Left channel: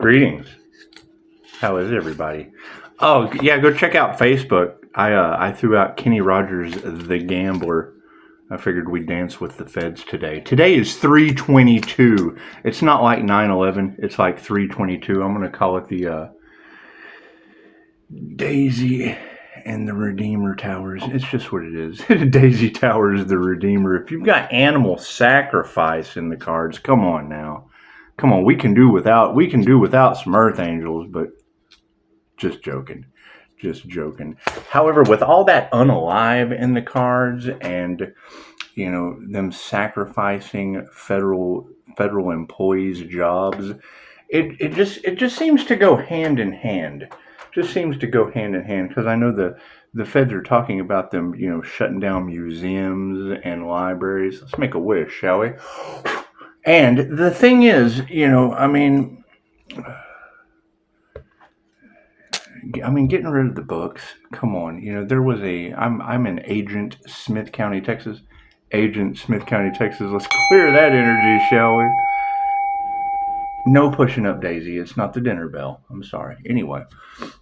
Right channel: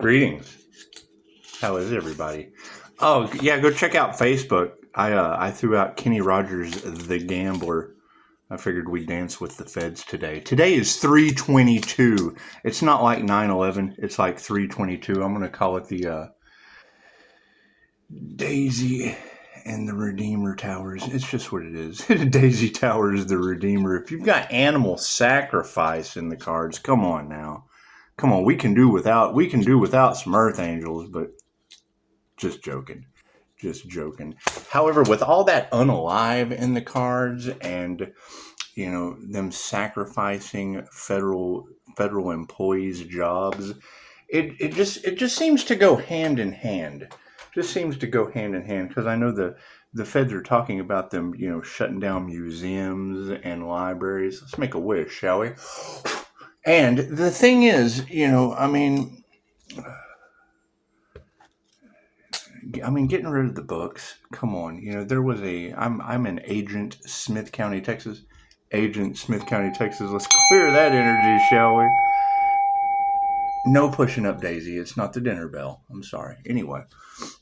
Greetings. How is everybody? Oh, yeah, go check out Facebook. I threw out Kenny Rogers, The Gambler. I figured we'd dance with the feds today. Today is 3/22. It's not like 9/11. It's like 3/22. I'm going to call it the Daisy and the Redeemer Towers. It's just what it is. Daisy Towers, the Redeemer. If you've got animal sacrifice in the cards, come on now. Come on, we can do without some Earth Angels, but just joking. Just joking. However, with all that unalive in the cards and, them sacrificing federal employees' jobs, it just seems to go hand in hand. Just seems to go hand in hand, because I know the feds are talking about them, shutting down museums and libraries. Let's make a wish, shall we? And the thing is, getting rid of the books. Come on, there was I'm in Agent Smith County, Texas. Agent Smith County, Texas. Let's clear that energy, shall we? No pushing up, Daisy. It's not the dinner bell. I'm sorry. Anyway,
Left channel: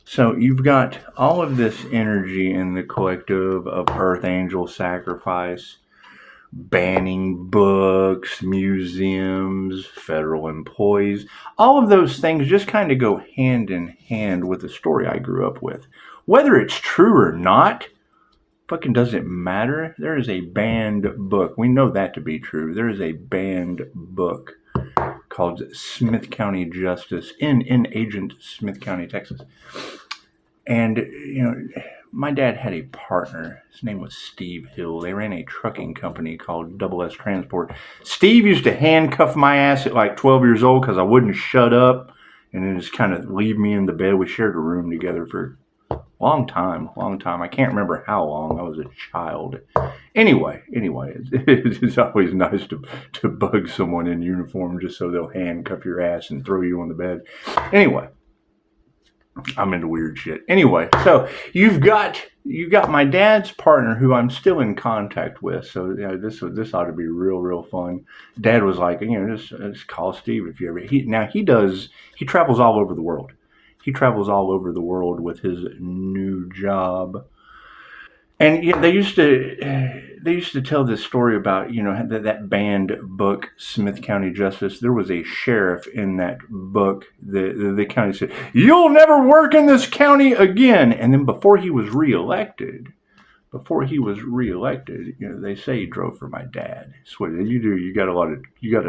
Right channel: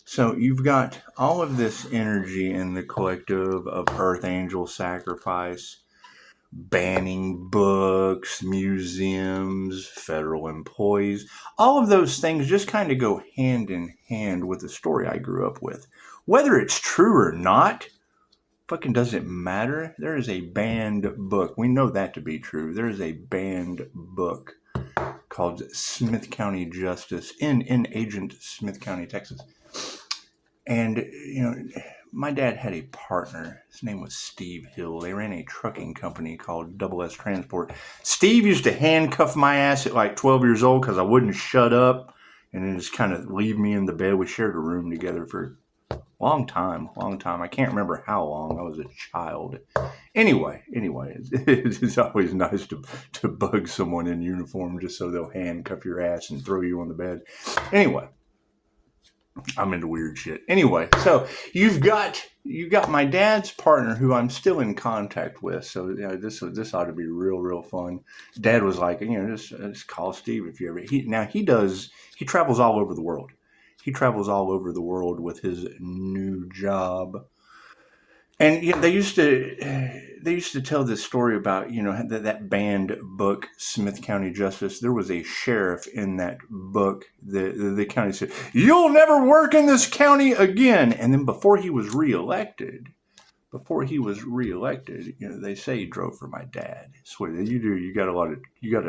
so you've got all of this energy in the collective of Earth Angel sacrifice, banning books, museums, federal employees. All of those things just kind of go hand in hand with the story I grew up with. Whether it's true or not, fucking doesn't matter. There is a banned book. We know that to be true. There is a banned book called Smith County Justice in Agent Smith County, Texas. And, my dad had a partner. His name was Steve Hill. They ran a trucking company called Double S Transport. Steve used to handcuff my ass at like 12 years old because I wouldn't shut up, and then just kind of leave me in the bed. We shared a room together for a long time. I can't remember how long. I was a child. Anyway, it's always nice to bug someone in uniform just so they'll handcuff your ass and throw you on the bed. Anyway. I'm into weird shit. Anyway, so you've got my dad's partner who I'm still in contact with. So this ought to be real fun. Dad was like, just call Steve if you ever. He travels all over the world. He travels all over the world with his new job. And they used to tell this story about, that banned book, Smith County Justice. There was a sheriff in that book. The county said, "You'll never work in this county again." And then before he was reelected, they say he drove for my dad. So what you do, you got a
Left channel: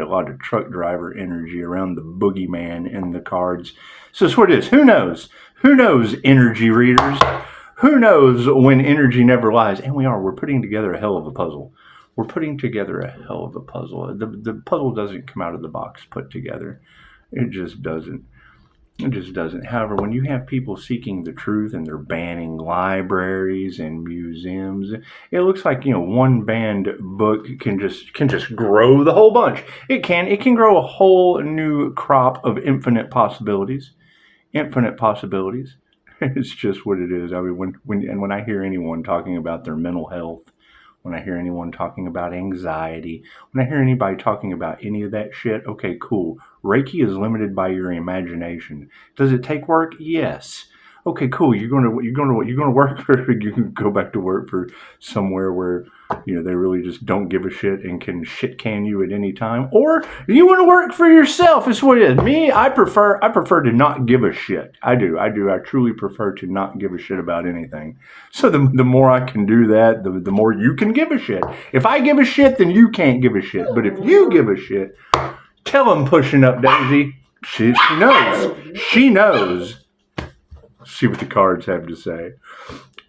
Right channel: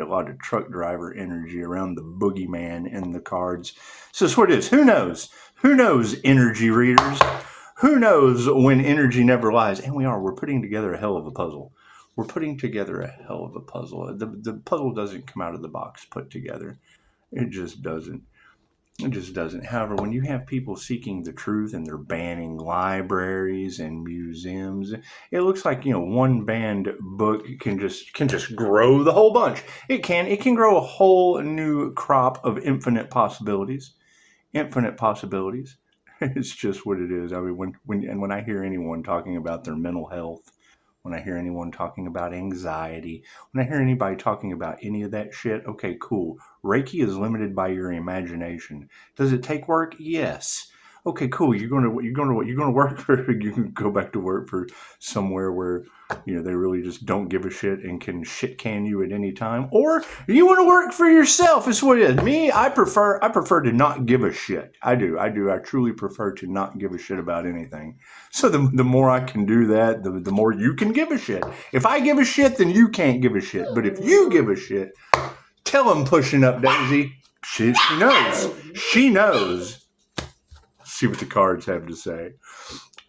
lot of truck driver energy around the boogeyman in the cards. So that's what it is. Who knows, energy readers? Who knows when energy never lies? And we're putting together a hell of a puzzle. The puzzle doesn't come out of the box put together. It just doesn't. However, when you have people seeking the truth and they're banning libraries and museums, it looks like, one banned book can just grow the whole bunch. It can grow a whole new crop of infinite possibilities. It's just what it is. I mean, when I hear anyone talking about their mental health, when I hear anyone talking about anxiety, when I hear anybody talking about any of that shit, okay, cool. Reiki is limited by your imagination. Does it take work? Yes. Okay, cool. You're going to work for. You can go back to work for somewhere where they really just don't give a shit and can shit can you at any time, or you want to work for yourself. It's what it is. Me, I prefer to not give a shit. I do. I truly prefer to not give a shit about anything. So the more I can do that, the more you can give a shit. If I give a shit, then you can't give a shit. But if you give a shit, tell him pushing up, Daisy. She knows. She knows. See what the cards have to say.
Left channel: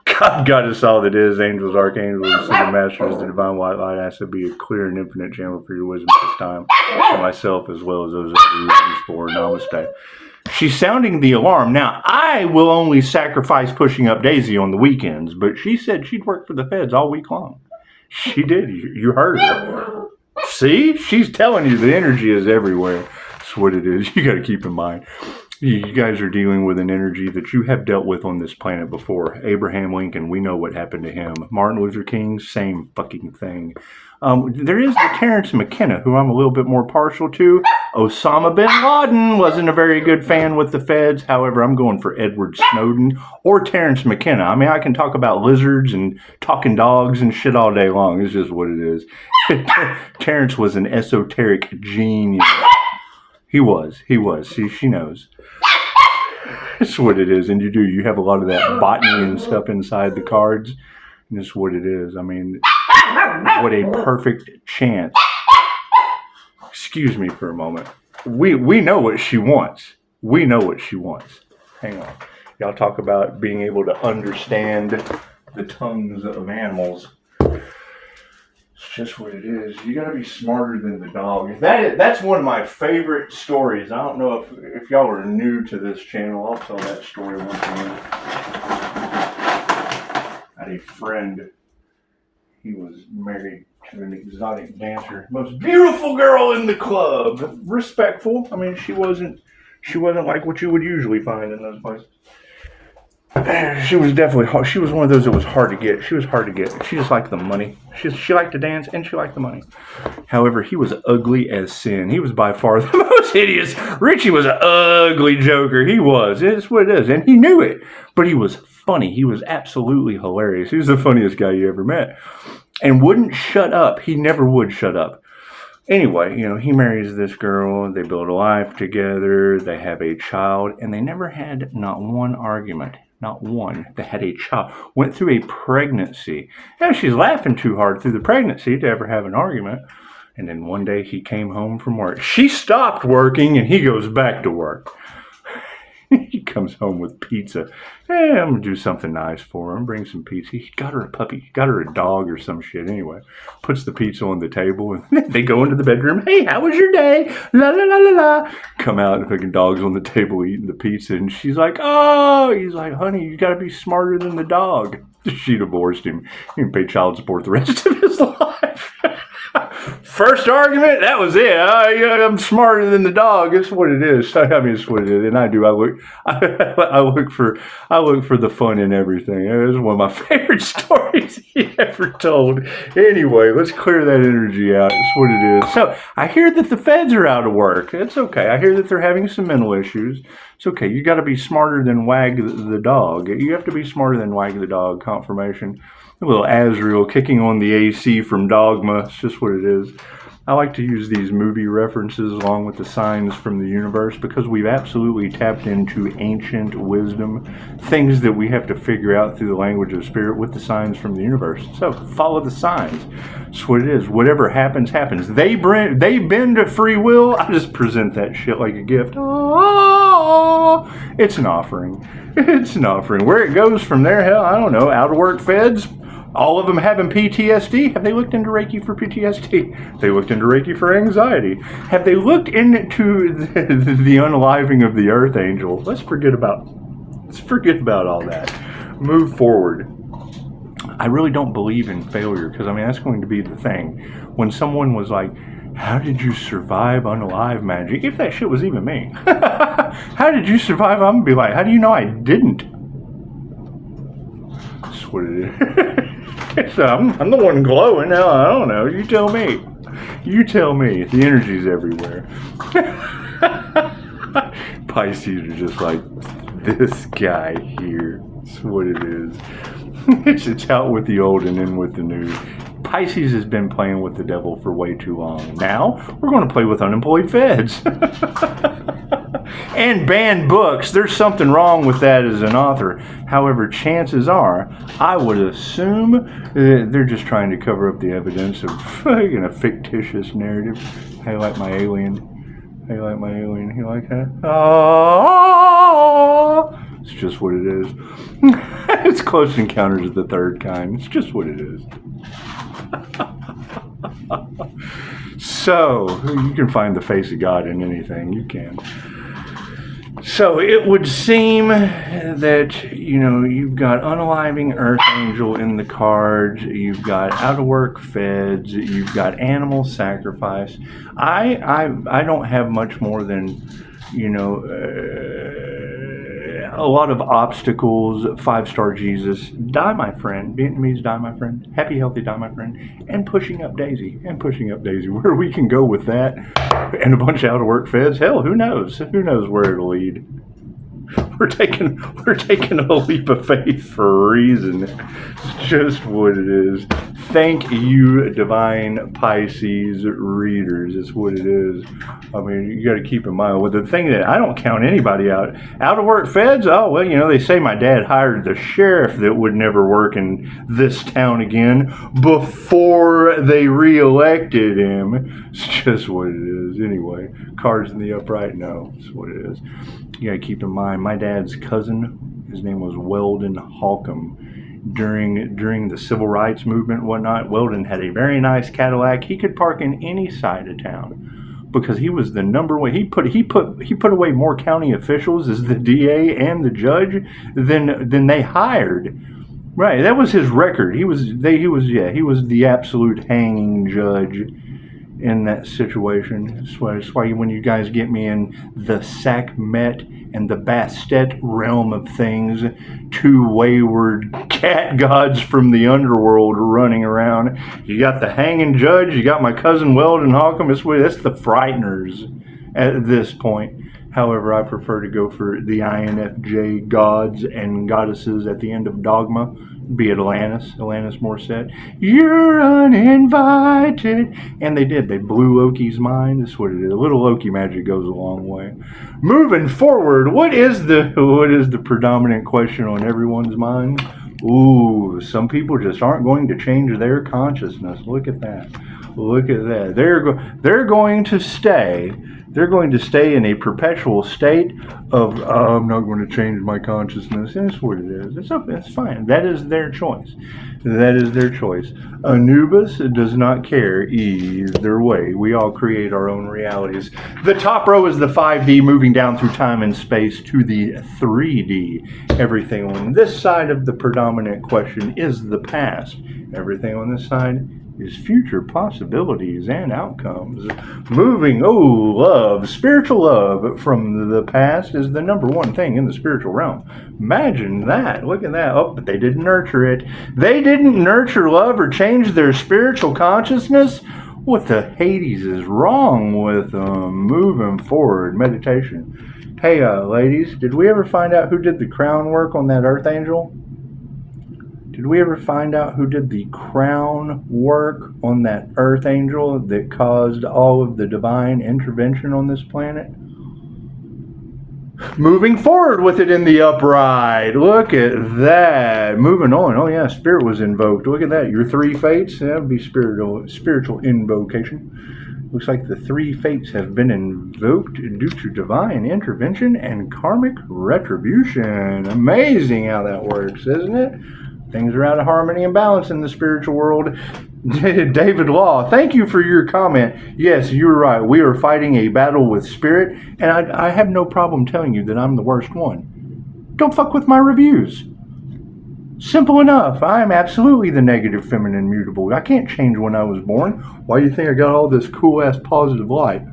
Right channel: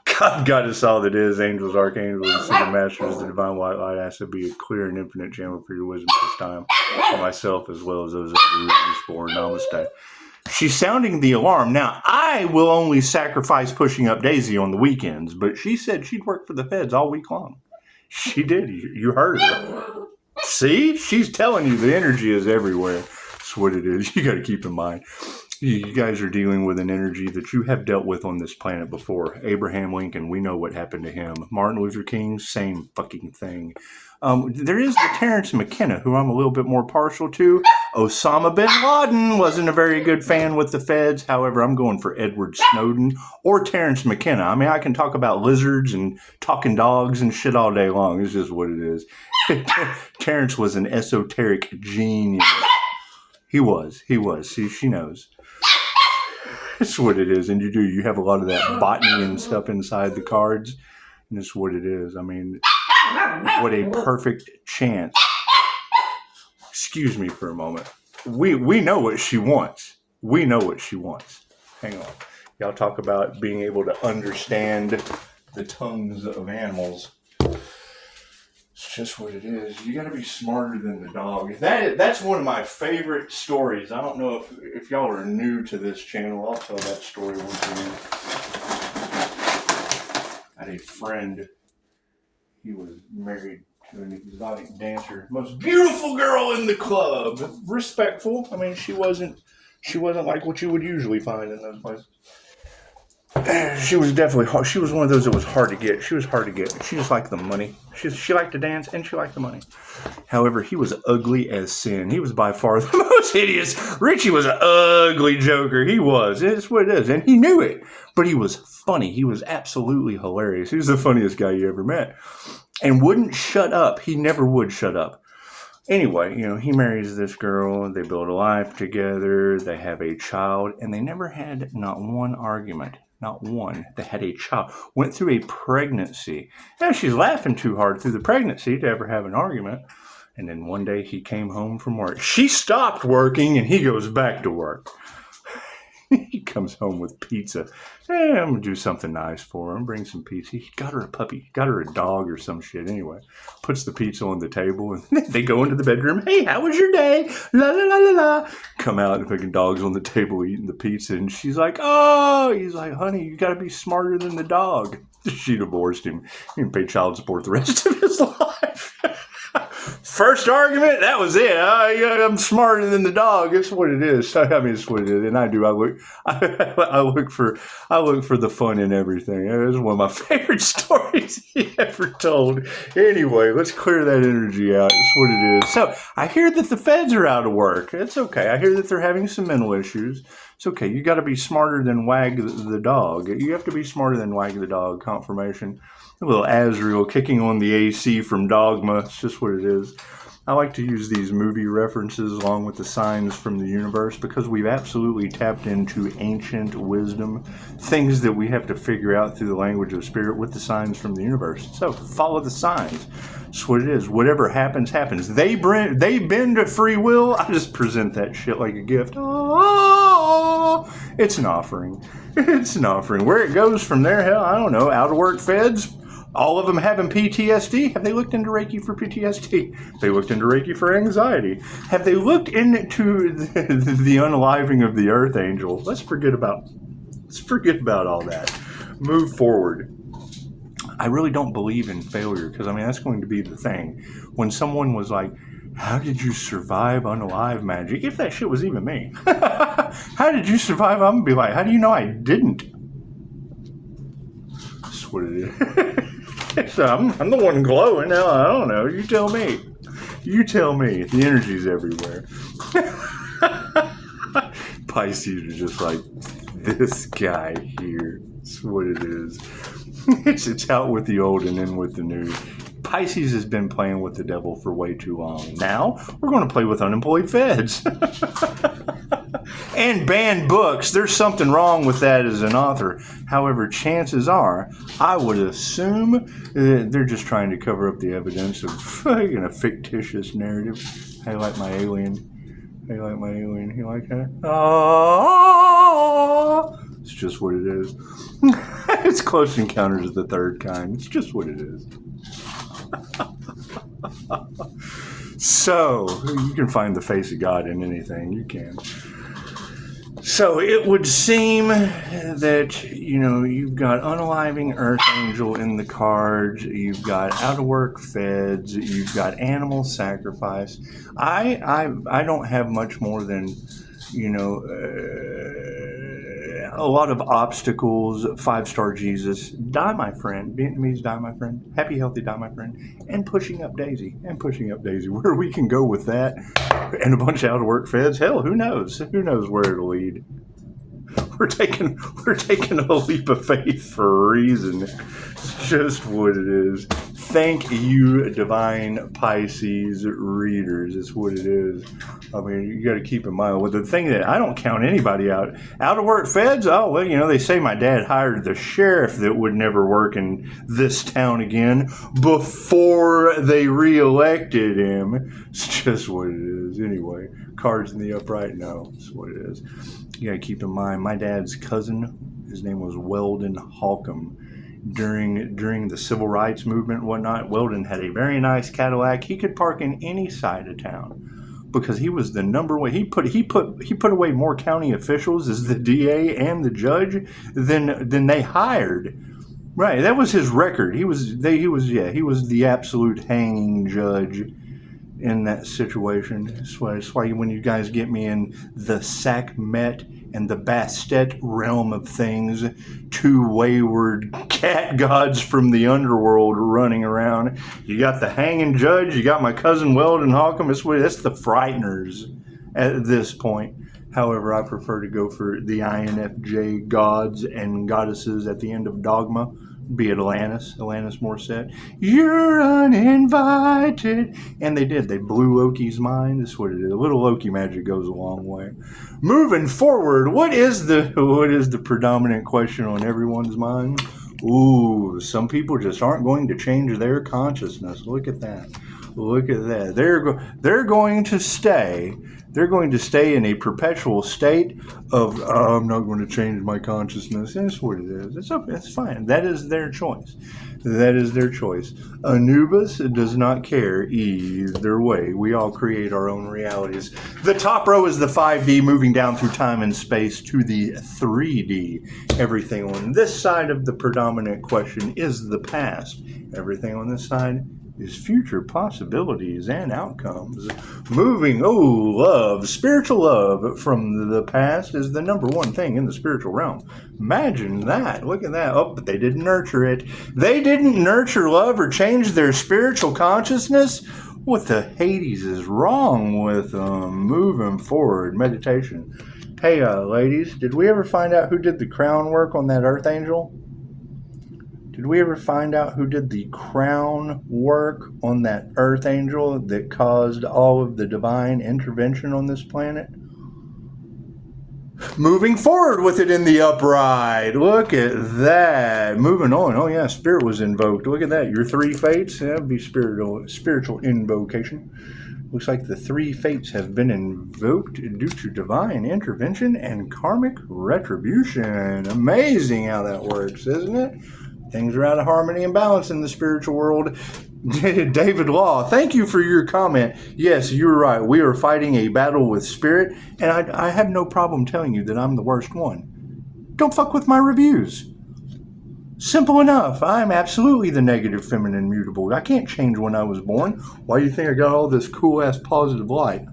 God got us all that is, angels, archangels, and single masters, the divine white light. I ask to be a clear and infinite channel for your wisdom this time, for myself as well as those others for Namaste. She's sounding the alarm. Now, I will only sacrifice pushing up Daisy on the weekends, but she said she'd work for the feds all week long. She did. You heard her. See? She's telling you the energy is everywhere. That's what it is. You got to keep in mind. You guys are dealing with an energy that you have dealt with on this planet before. Abraham Lincoln, we know what happened to him. Martin Luther King, same fucking thing. There is the Terrence McKenna, who I'm a little bit more partial to. Osama bin Laden wasn't a very good fan with the feds. However, I'm going for Edward Snowden or Terrence McKenna. I mean, I can talk about lizards and talking dogs and shit all day long. It's just what it is. Terrence was an esoteric genius. He was. See, she knows. That's what it is. And you have a lot of that botany and stuff inside the cards. And that's what it is. I mean, what a perfect chance. Excuse me for a moment. We know what she wants. We know what she wants. Hang on. Y'all talk about being able to understand the tongues of animals. It's just what it is. You got to be smarter than the dog. That's one of my favorite stories. I don't know if y'all are new to this channel. I'll tell that story once again. I had a friend. He was married to an exotic dancer, most beautiful girl in the club. Respectful. I mean, she wasn't like what you would usually find in those places. She was definitely hard. She was one of those that was hard to get. She was hard to get. She just liked the money. She liked to dance and she liked the money. However, he was ugly as sin. He was by far the most hideous. Richie was an ugly joker. He was. It's what it is. And he knew it. But he was funny. He was absolutely hilarious. He was the funniest guy you ever met. And wouldn't shut up. He never would shut up. Anyway, he marries this girl. They build a life together. They have a child. And they never had not one argument. Not one. They had a child. Went through a pregnancy. And she's laughing too hard through the pregnancy to ever have an argument. And then one day he came home from work. She stopped working and he goes back to work. He comes home with pizza. Hey, I'm going to do something nice for him. Bring some pizza. He got her a puppy. He got her a dog or some shit anyway. Puts the pizza on the table and they go into the bedroom. Hey, how was your day? La, la, la, la, la. Come out and fucking dog's on the table eating the pizza. And she's like, oh, he's like, honey, you got to be smarter than the dog. She divorced him. He can pay child support the rest of his life. First argument, that was it. I'm smarter than the dog. It's what it is. I mean, it's what it is. And I do. I look for the fun in everything. It was one of my favorite stories he ever told. Anyway, let's clear that energy out. It's what it is. So I hear that the feds are out of work. It's okay. I hear that they're having some mental issues. It's okay. You got to be smarter than Wag the dog. You have to be smarter than Wag the dog. Confirmation. A little Azrael kicking on the AC from Dogma. It's just what it is. I like to use these movie references along with the signs from the universe because we've absolutely tapped into ancient wisdom, things that we have to figure out through the language of spirit with the signs from the universe. So follow the signs. That's what it is. Whatever happens, happens. They bend to free will. I just present that shit like a gift. Oh, it's an offering. It's an offering. Where it goes from there, hell, I don't know. Out of work feds. All of them having PTSD. Have they looked into Reiki for PTSD? They looked into Reiki for anxiety. Have they looked into the unaliving of the Archangel? Let's forget about all that. Move forward. I really don't believe in failure because, I mean, that's going to be the thing. When someone was like, how did you survive unalive magic? If that shit was even me. How did you survive? I'm going to be like, how do you know I didn't? That's what it is. So I'm the one glowing. Now I don't know. You tell me. You tell me. The energy's everywhere. Pisces are just like, this guy here. That's what it is. It's out with the old and in with the new. Pisces has been playing with the devil for way too long. Now we're going to play with unemployed feds. And banned books. There's something wrong with that as an author. However, chances are, I would assume they're just trying to cover up the evidence of a fictitious narrative. Hey, like my alien. Hey, like my alien. You like that? Oh, it's just what it is. It's Close Encounters of the Third Kind. It's just what it is. So, you can find the face of God in anything. You can. So it would seem that, you've got unaliving Archangel in the cards, you've got out of work feds, you've got animal sacrifice. I don't have much more than, a lot of obstacles. 5-star Jesus, die my friend. Vietnamese, die my friend. Happy, healthy, die my friend. And pushing up Daisy. Where we can go with that. And a bunch of out of work feds. Hell, who knows? Who knows where it'll lead? We're taking a leap of faith for a reason. It's just what it is. Thank you, divine Pisces readers. It's what it is. I mean, you got to keep in mind. Well, the thing that I don't count anybody out. Out of work feds? Oh, well, they say my dad hired the sheriff that would never work in this town again before they reelected him. It's just what it is. Anyway, cards in the upright? No, it's what it is. You got to keep in mind, my dad's cousin, his name was Weldon Holcomb. During the civil rights movement and whatnot, Weldon had a very nice Cadillac. He could park in any side of town because he was the number one. He put away more county officials as the DA and the judge than they hired. Right, that was his record. He was the absolute hanging judge in that situation. That's why when you guys get me in the Sackmet and the Bastet realm of things, two wayward cat gods from the underworld running around. You got the hanging judge, you got my cousin Weldon Holcomb. That's the frighteners at this point. However, I prefer to go for the INFJ gods and goddesses at the end of Dogma, be it Alanis Morissette. You're uninvited. And they blew Loki's mind. That's what it is. A little Loki magic goes a long way. Moving forward, what is the predominant question on everyone's mind? Ooh, some people just aren't going to change their consciousness. Look at that. They're going to stay. They're going to stay in a perpetual state of, I'm not going to change my consciousness. That's what it is. It's fine. That is their choice. Anubis does not care either way. We all create our own realities. The top row is the 5D, moving down through time and space to the 3D. Everything on this side of the predominant question is the past. Everything on this side is future possibilities and outcomes. Love. Spiritual love from the past is the number one thing in the spiritual realm. Imagine that. Look at that. Oh, but they didn't nurture it. They didn't nurture love or change their spiritual consciousness. What the Hades is wrong with moving forward? Meditation. Hey, ladies, did we ever find out who did the crown work on that Earth Angel? Did we ever find out who did the crown work on that Earth Angel that caused all of the divine intervention on this planet? Moving forward with it in the upright. Look at that. Moving on. Oh yeah, spirit was invoked. Look at that. Your 3 fates. That would be spiritual invocation. Looks like the 3 fates have been invoked due to divine intervention and karmic retribution. Amazing how that works, isn't it? Things are out of harmony and balance in the spiritual world. David Law, thank you for your comment. Yes, you're right. We are fighting a battle with spirit, and I have no problem telling you that I'm the worst one. Don't fuck with my reviews. Simple enough. I'm absolutely the negative feminine mutable. I can't change when I was born. Why do you think I got all this cool-ass positive light?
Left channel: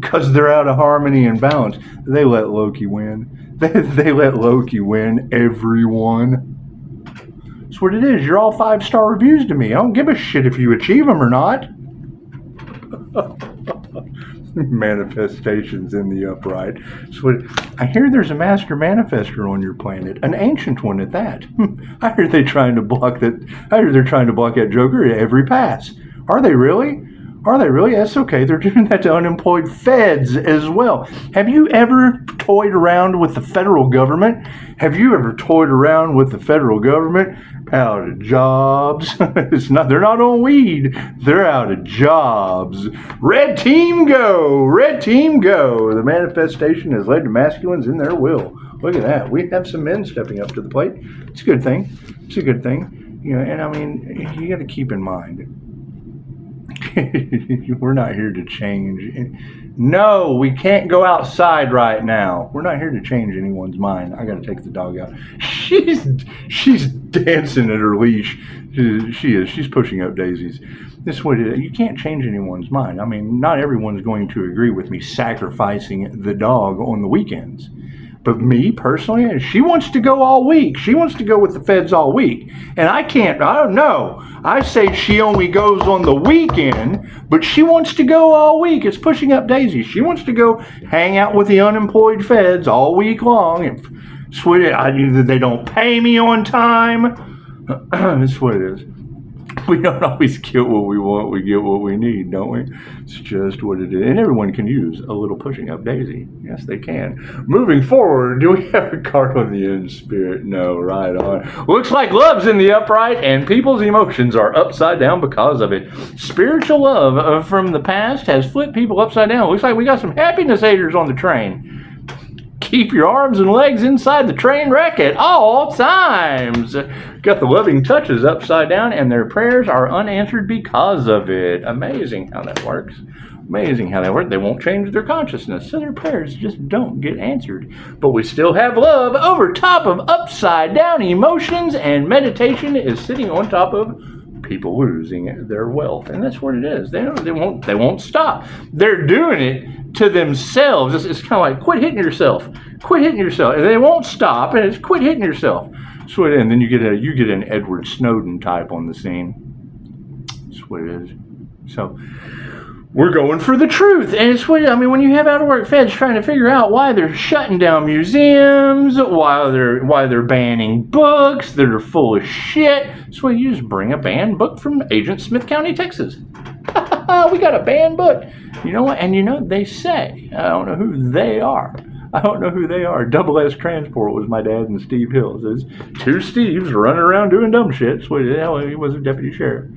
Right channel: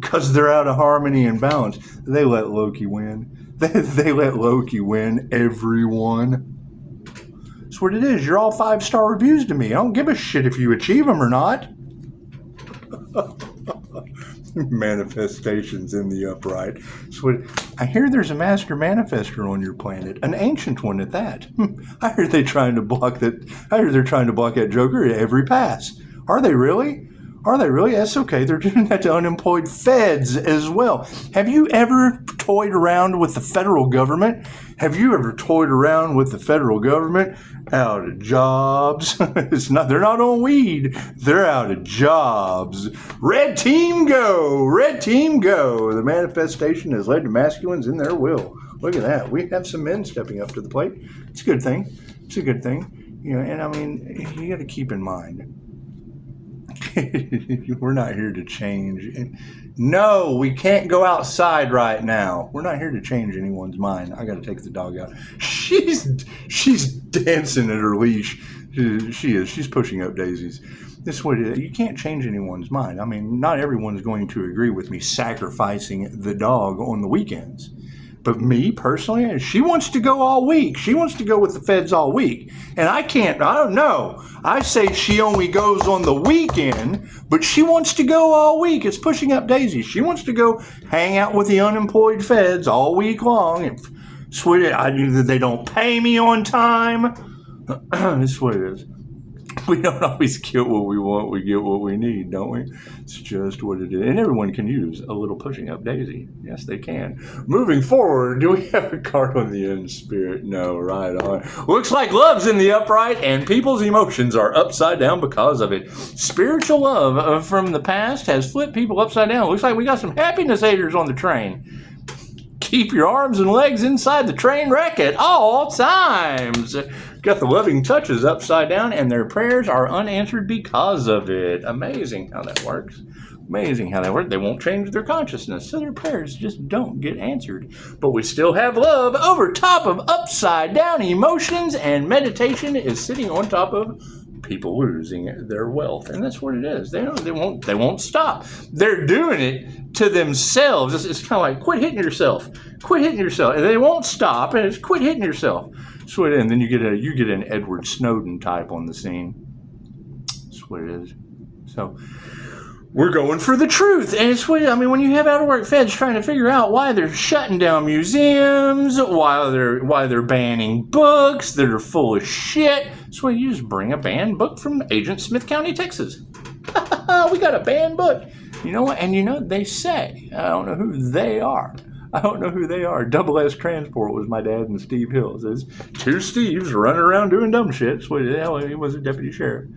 Because they're out of harmony and balance. They let Loki win. They let Loki win, everyone. That's what it is. You're all 5-star reviews to me. I don't give a shit if you achieve them or not. Manifestations in the upright. So I hear there's a master manifester on your planet, an ancient one at that. I hear they're trying to block that Joker at every pass. Are they really? That's okay. They're doing that to unemployed feds as well. Have you ever toyed around with the federal government? Out of jobs. They're not on weed. They're out of jobs. Red team go. The manifestation has led to masculines in their will. Look at that. We have some men stepping up to the plate. It's a good thing. And I mean, you got to keep in mind, we're not here to change. No, we can't go outside right now. We're not here to change anyone's mind. I gotta take the dog out. She's dancing at her leash. She's pushing up daisies. This way, you can't change anyone's mind. I mean, not everyone's going to agree with me sacrificing the dog on the weekends. But me personally, she wants to go all week. She wants to go with the feds all week. And I don't know. I say she only goes on the weekend, but she wants to go all week. It's pushing up daisies. She wants to go hang out with the unemployed feds all week long. Either they don't pay me on time. That's what it is. We don't always get what we want. We get what we need, don't we? It's just what it is. And everyone can use a little pushing up daisy. Yes, they can. Moving forward, do we have a card on the end spirit? No, right on. Looks like love's in the upright and people's emotions are upside down because of it. Spiritual love from the past has flipped people upside down. Looks like we got some happiness haters on the train. Keep your arms and legs inside the train wreck at all times. Got the loving touches upside down, and their prayers are unanswered because of it. Amazing how that works. Amazing how that works. They won't change their consciousness, so their prayers just don't get answered. But we still have love over top of upside down emotions, and meditation is sitting on top of people losing their wealth. And that's what it is. They won't stop. They're doing it to themselves. It's kind of like, quit hitting yourself. Quit hitting yourself. And they won't stop, and it's quit hitting yourself. That's what it is. And then you get an Edward Snowden type on the scene. That's what it is. So we're going for the truth. And it's what, when you have out-of-work feds trying to figure out why they're shutting down museums, why they're banning books that are full of shit, so you just bring a banned book from Agent Smith County, Texas. We got a banned book. You know what? And they say, I don't know who they are. Double S Transport was my dad and Steve Hills. There's two Steves running around doing dumb shit. So he was a deputy sheriff.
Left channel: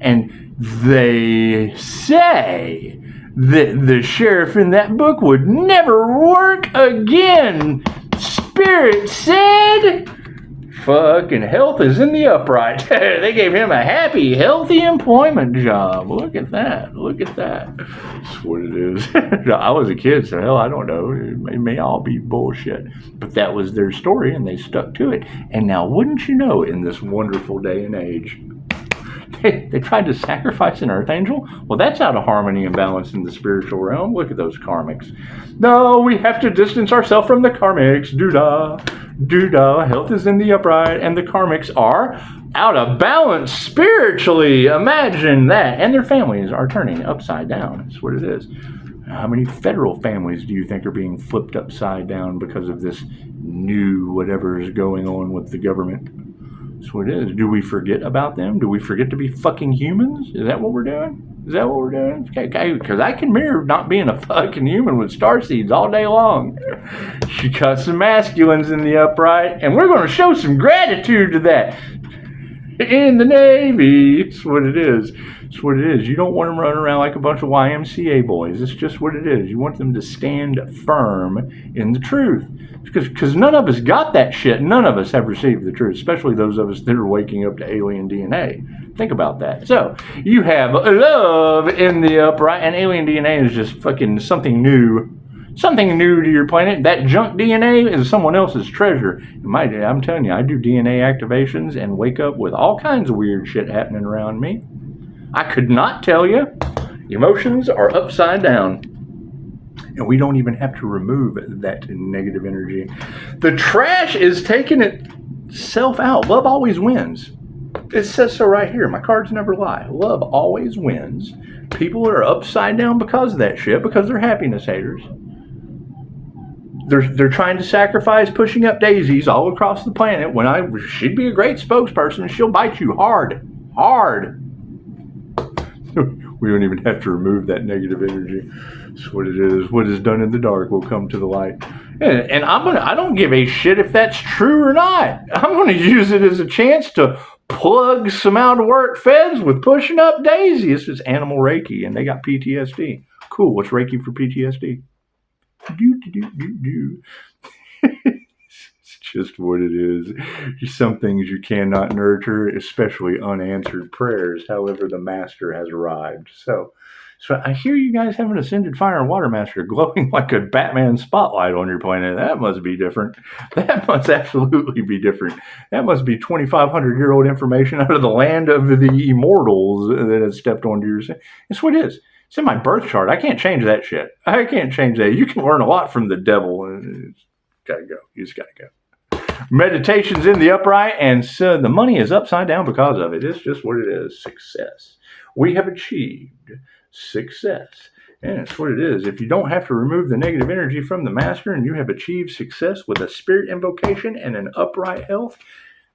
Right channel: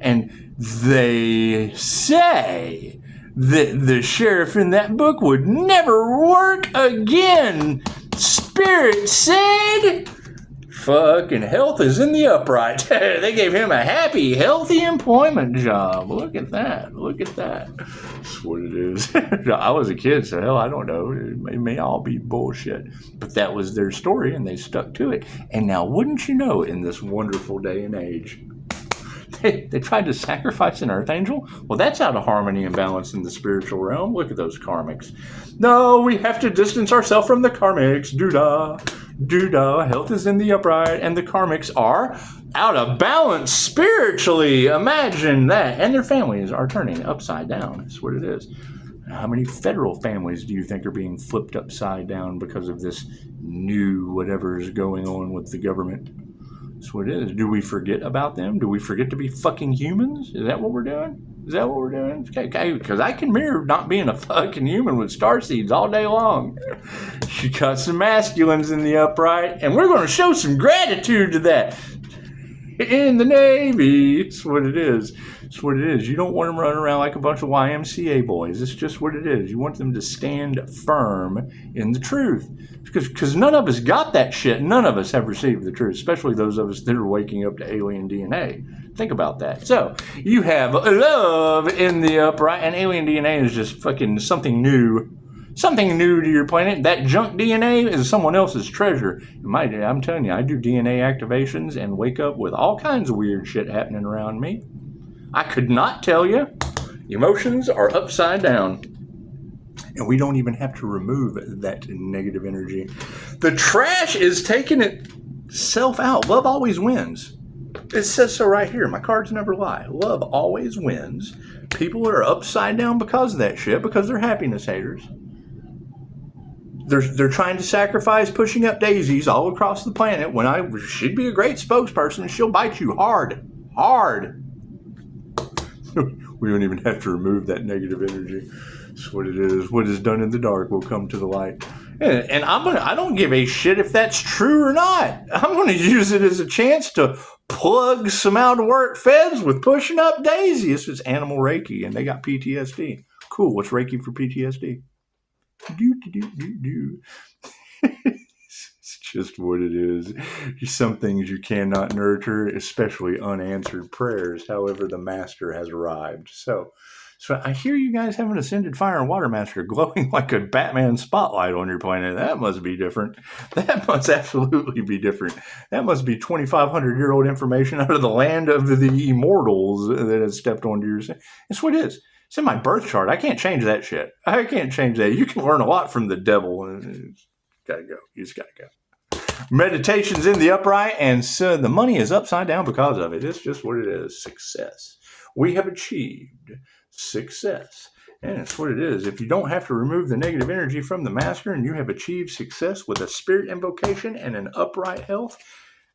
And they say that the sheriff in that book would never work again. Spirit said, fucking health is in the upright. They gave him a happy, healthy employment job. Look at that. That's what it is. I was a kid, so hell, I don't know. It may all be bullshit. But that was their story, and they stuck to it. And now, wouldn't you know, in this wonderful day and age, they tried to sacrifice an Archangel? Well, that's out of harmony and balance in the spiritual realm. Look at those karmics. No, we have to distance ourselves from the karmics. Doo-dah. Health is in the upright, and the karmics are out of balance spiritually. Imagine that. And their families are turning upside down. That's what it is. How many federal families do you think are being flipped upside down because of this new whatever is going on with the government? That's what it is. Do we forget about them? Do we forget to be fucking humans? Is that what we're doing? Okay, because I can mirror not being a fucking human with starseeds all day long. You got some masculines in the upright, and we're going to show some gratitude to that. In the Navy. That's what it is. You don't want them running around like a bunch of YMCA boys. It's just what it is. You want them to stand firm in the truth. Because none of us got that shit. None of us have received the truth, especially those of us that are waking up to alien DNA. Think about that. So, you have love in the upright, and alien DNA is just fucking something new. Something new to your planet. That junk DNA is someone else's treasure. I'm telling you, I do DNA activations and wake up with all kinds of weird shit happening around me. I could not tell you. Emotions are upside down. And we don't even have to remove that negative energy. The trash is taking itself out. Love always wins. It says so right here. My cards never lie. Love always wins. People are upside down because of that shit, because they're happiness haters. They're trying to sacrifice pushing up daisies all across the planet when she'd be a great spokesperson. She'll bite you hard. We don't even have to remove that negative energy. That's what it is. What is done in the dark will come to the light. And I don't give a shit if that's true or not. I'm going to use it as a chance to plug some out-of-work feds with pushing up daisies. It's animal Reiki, and they got PTSD. Cool. What's Reiki for PTSD? It's just what it is. Some things you cannot nurture, especially unanswered prayers. However, the master has arrived. So I hear you guys have an ascended fire and water master glowing like a Batman spotlight on your planet. That must be different. That must absolutely be different. That must be 2,500-year-old information out of the land of the immortals that has stepped onto your... It's what it is. It's in my birth chart. I can't change that shit. I can't change that. You can learn a lot from the devil. gotta go. You just gotta go. Meditation's in the upright, and so the money is upside down because of it. It's just what it is. Success. We have achieved success. And it's what it is. If you don't have to remove the negative energy from the master and you have achieved success with a spirit invocation and an upright health,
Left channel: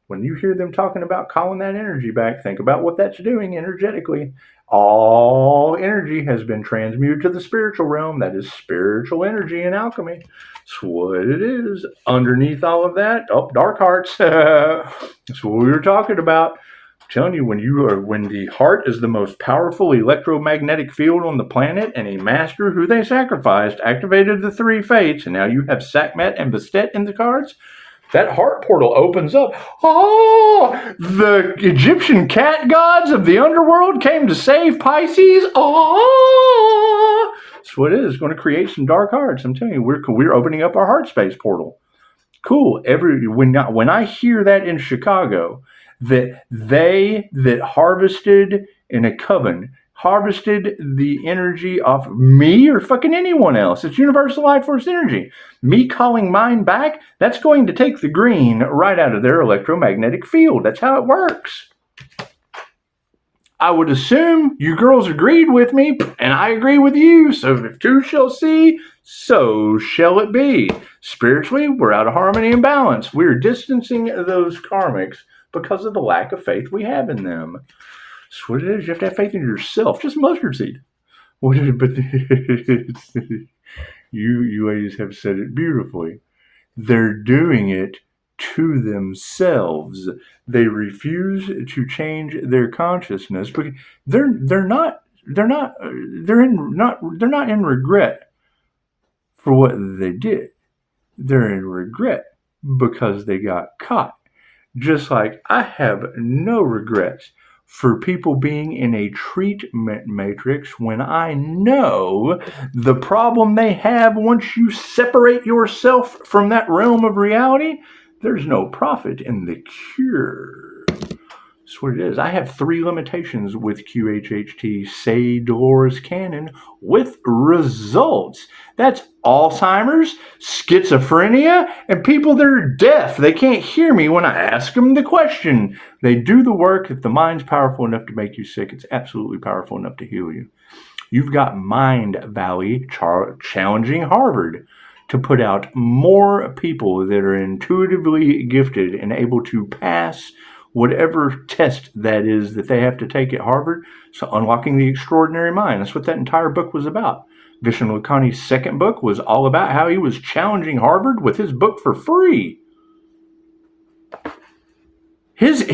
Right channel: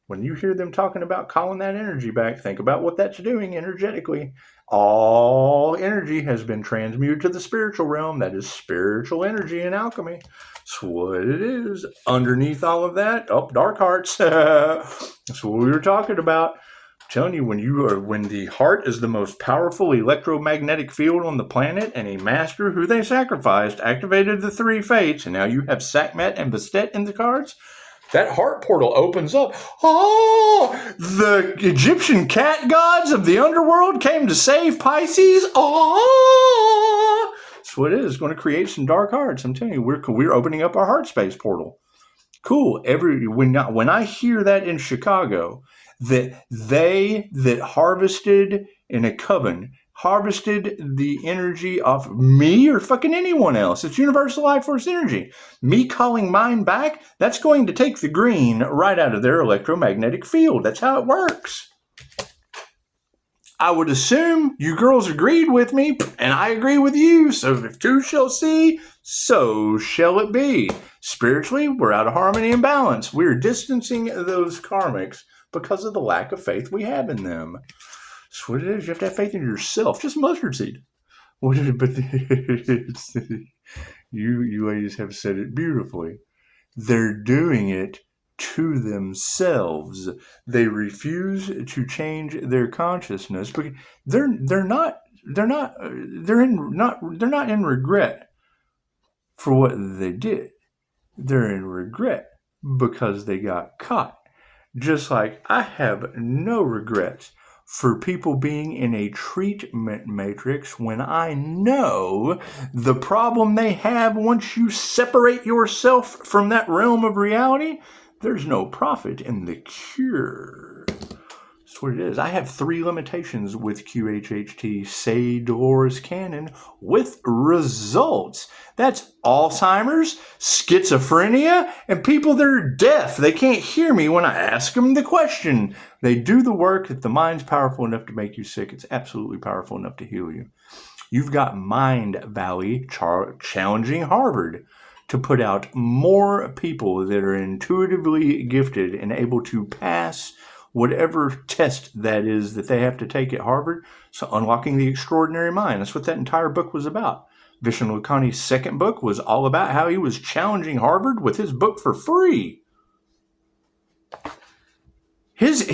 when you hear them talking about calling that energy back, think about what that's doing energetically. All energy has been transmuted to the spiritual realm. That is spiritual energy in alchemy. That's what it is. Underneath all of that, dark hearts. That's what we were talking about. I'm telling you, when the heart is the most powerful electromagnetic field on the planet, and a master who they sacrificed activated the 3 fates, and now you have Sekhmet and Bastet in the cards. That heart portal opens up. Oh, the Egyptian cat gods of the underworld came to save Pisces. Oh, that's what it is. It's going to create some dark hearts. I'm telling you, we're opening up our heart space portal. Cool. When I hear that in Chicago, that harvested in a coven, harvested the energy off me or fucking anyone else. It's universal life force energy. Me calling mine back, that's going to take the green right out of their electromagnetic field. That's how it works. I would assume you girls agreed with me, and I agree with you. So if 2 shall see, so shall it be. Spiritually, we're out of harmony and balance. We're distancing those karmics because of the lack of faith we have in them. That's what it is. You have to have faith in yourself. Just mustard seed. But you ladies have said it beautifully. They're doing it to themselves. They refuse to change their consciousness because they're not in regret for what they did. They're in regret because they got caught. Just like I have no regrets for people being in a treatment matrix when I know the problem they have once you separate yourself from that realm of reality, there's no profit in the cure. That's what it is. I have 3 limitations with QHHT, say Dolores Cannon, with results. That's Alzheimer's, schizophrenia, and people that are deaf. They can't hear me when I ask them the question. They do the work. If the mind's powerful enough to make you sick, it's absolutely powerful enough to heal you. You've got Mind Valley challenging Harvard to put out more people that are intuitively gifted and able to pass whatever test that is that they have to take at Harvard. So unlocking the extraordinary mind. That's what that entire book was about. Vishnu Lakhani's second book was all about how he was challenging Harvard with his book for free. His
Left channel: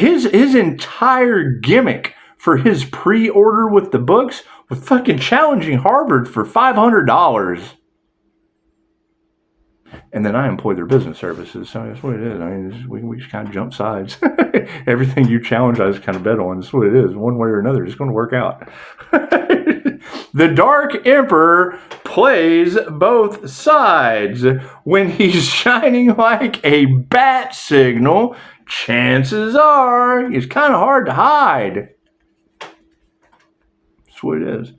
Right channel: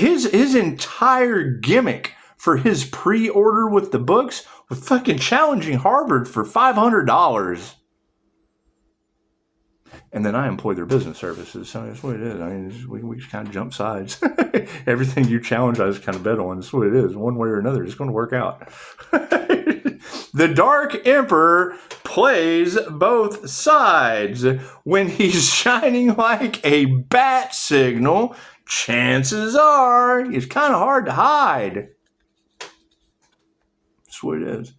entire gimmick for his pre-order with the books was fucking challenging Harvard for $500. And then I employ their business services. So that's what it is. I mean, we just kind of jump sides. Everything you challenge, I just kind of bet on. That's what it is. One way or another, it's going to work out. The Dark Emperor plays both sides. When he's shining like a bat signal, chances are it's kind of hard to hide. That's what it is.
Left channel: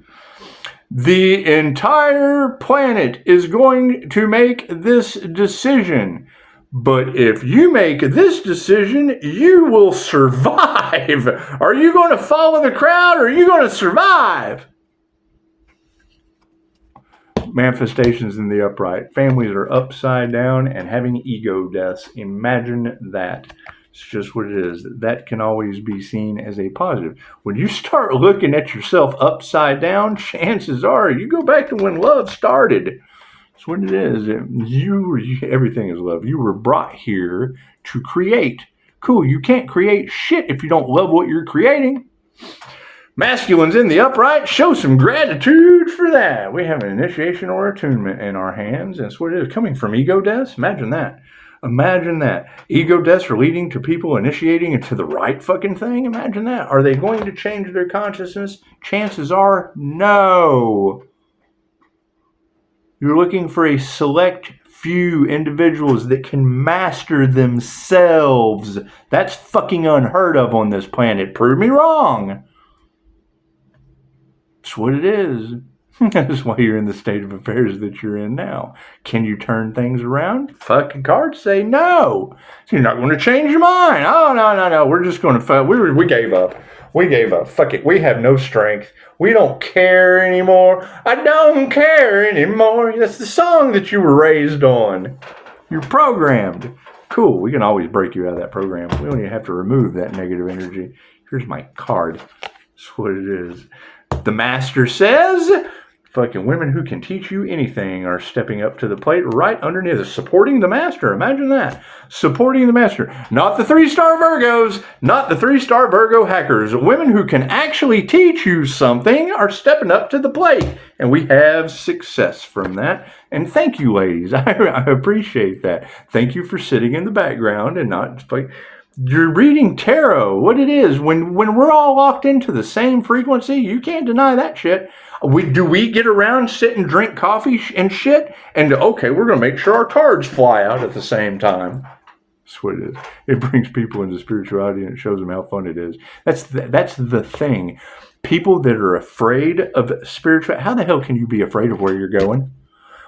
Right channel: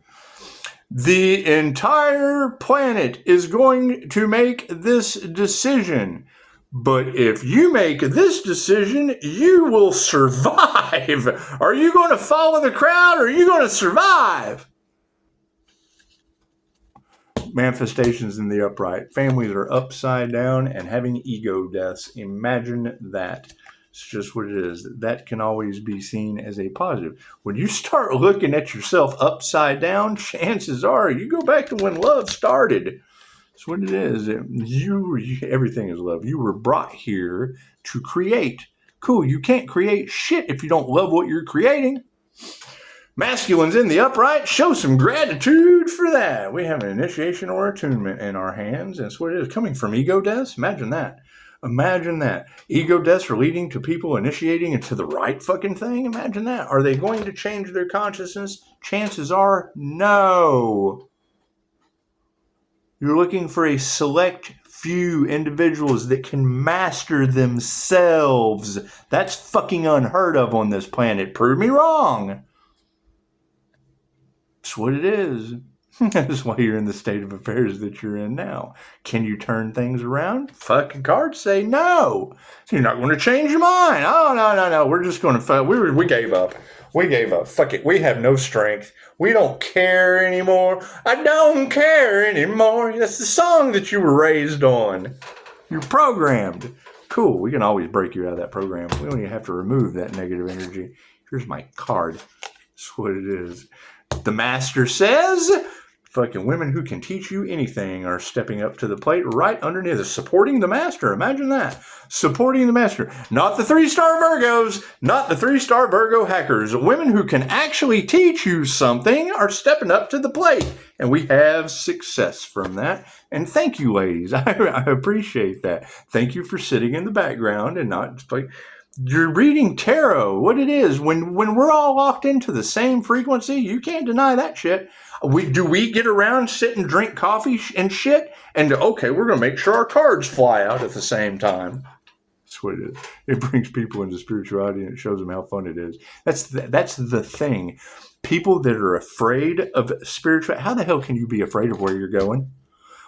The entire planet is going to make this decision. But if you make this decision, you will survive. Are you going to follow the crowd or are you going to survive? Manifestations in the upright. Families are upside down and having ego deaths. Imagine that. It's just what it is. That can always be seen as a positive. When you start looking at yourself upside down, chances are you go back to when love started. That's what it is. Everything is love. You were brought here to create. Cool. You can't create shit if you don't love what you're creating. Masculines in the upright, show some gratitude for that. We have an initiation or attunement in our hands. That's what it is. Coming from ego deaths. Imagine that. Imagine that. Ego deaths are leading to people initiating into the right fucking thing. Imagine that. Are they going to change their consciousness? Chances are no. You're looking for a select few individuals that can master themselves. That's fucking unheard of on this planet. Prove me wrong. That's what it is. That's why you're in the state of affairs that you're in now. Can you turn things around? Fucking cards say no. You're not going to change your mind. Oh, no. We're just going to we gave up. We gave up. Fuck it. We have no strength. We don't care anymore. I don't care anymore. That's the song that you were raised on. You're programmed. Cool. We can always break you out of that program. We don't even have to remove that negative energy. Here's my card. That's what it is. The master says, fucking women who can teach you anything are stepping up to the plate right underneath us, supporting the master. Imagine that. Supporting the master. Not the 3-star Virgos, not the 3-star Virgo hackers. Women who can actually teach you something are stepping up to the plate. And we have success from that. And thank you, ladies. I appreciate that. Thank you for sitting in the background and not like... You're reading tarot, what it is. When we're all locked into the same frequency, you can't deny that shit. Do we get around, sit and drink coffee and shit? And, okay, we're going to make sure our cards fly out at the same time. That's what it is. It brings people into spirituality and it shows them how fun it is. That's the thing. People that are afraid of spirituality, how the hell can you be afraid of where you're going?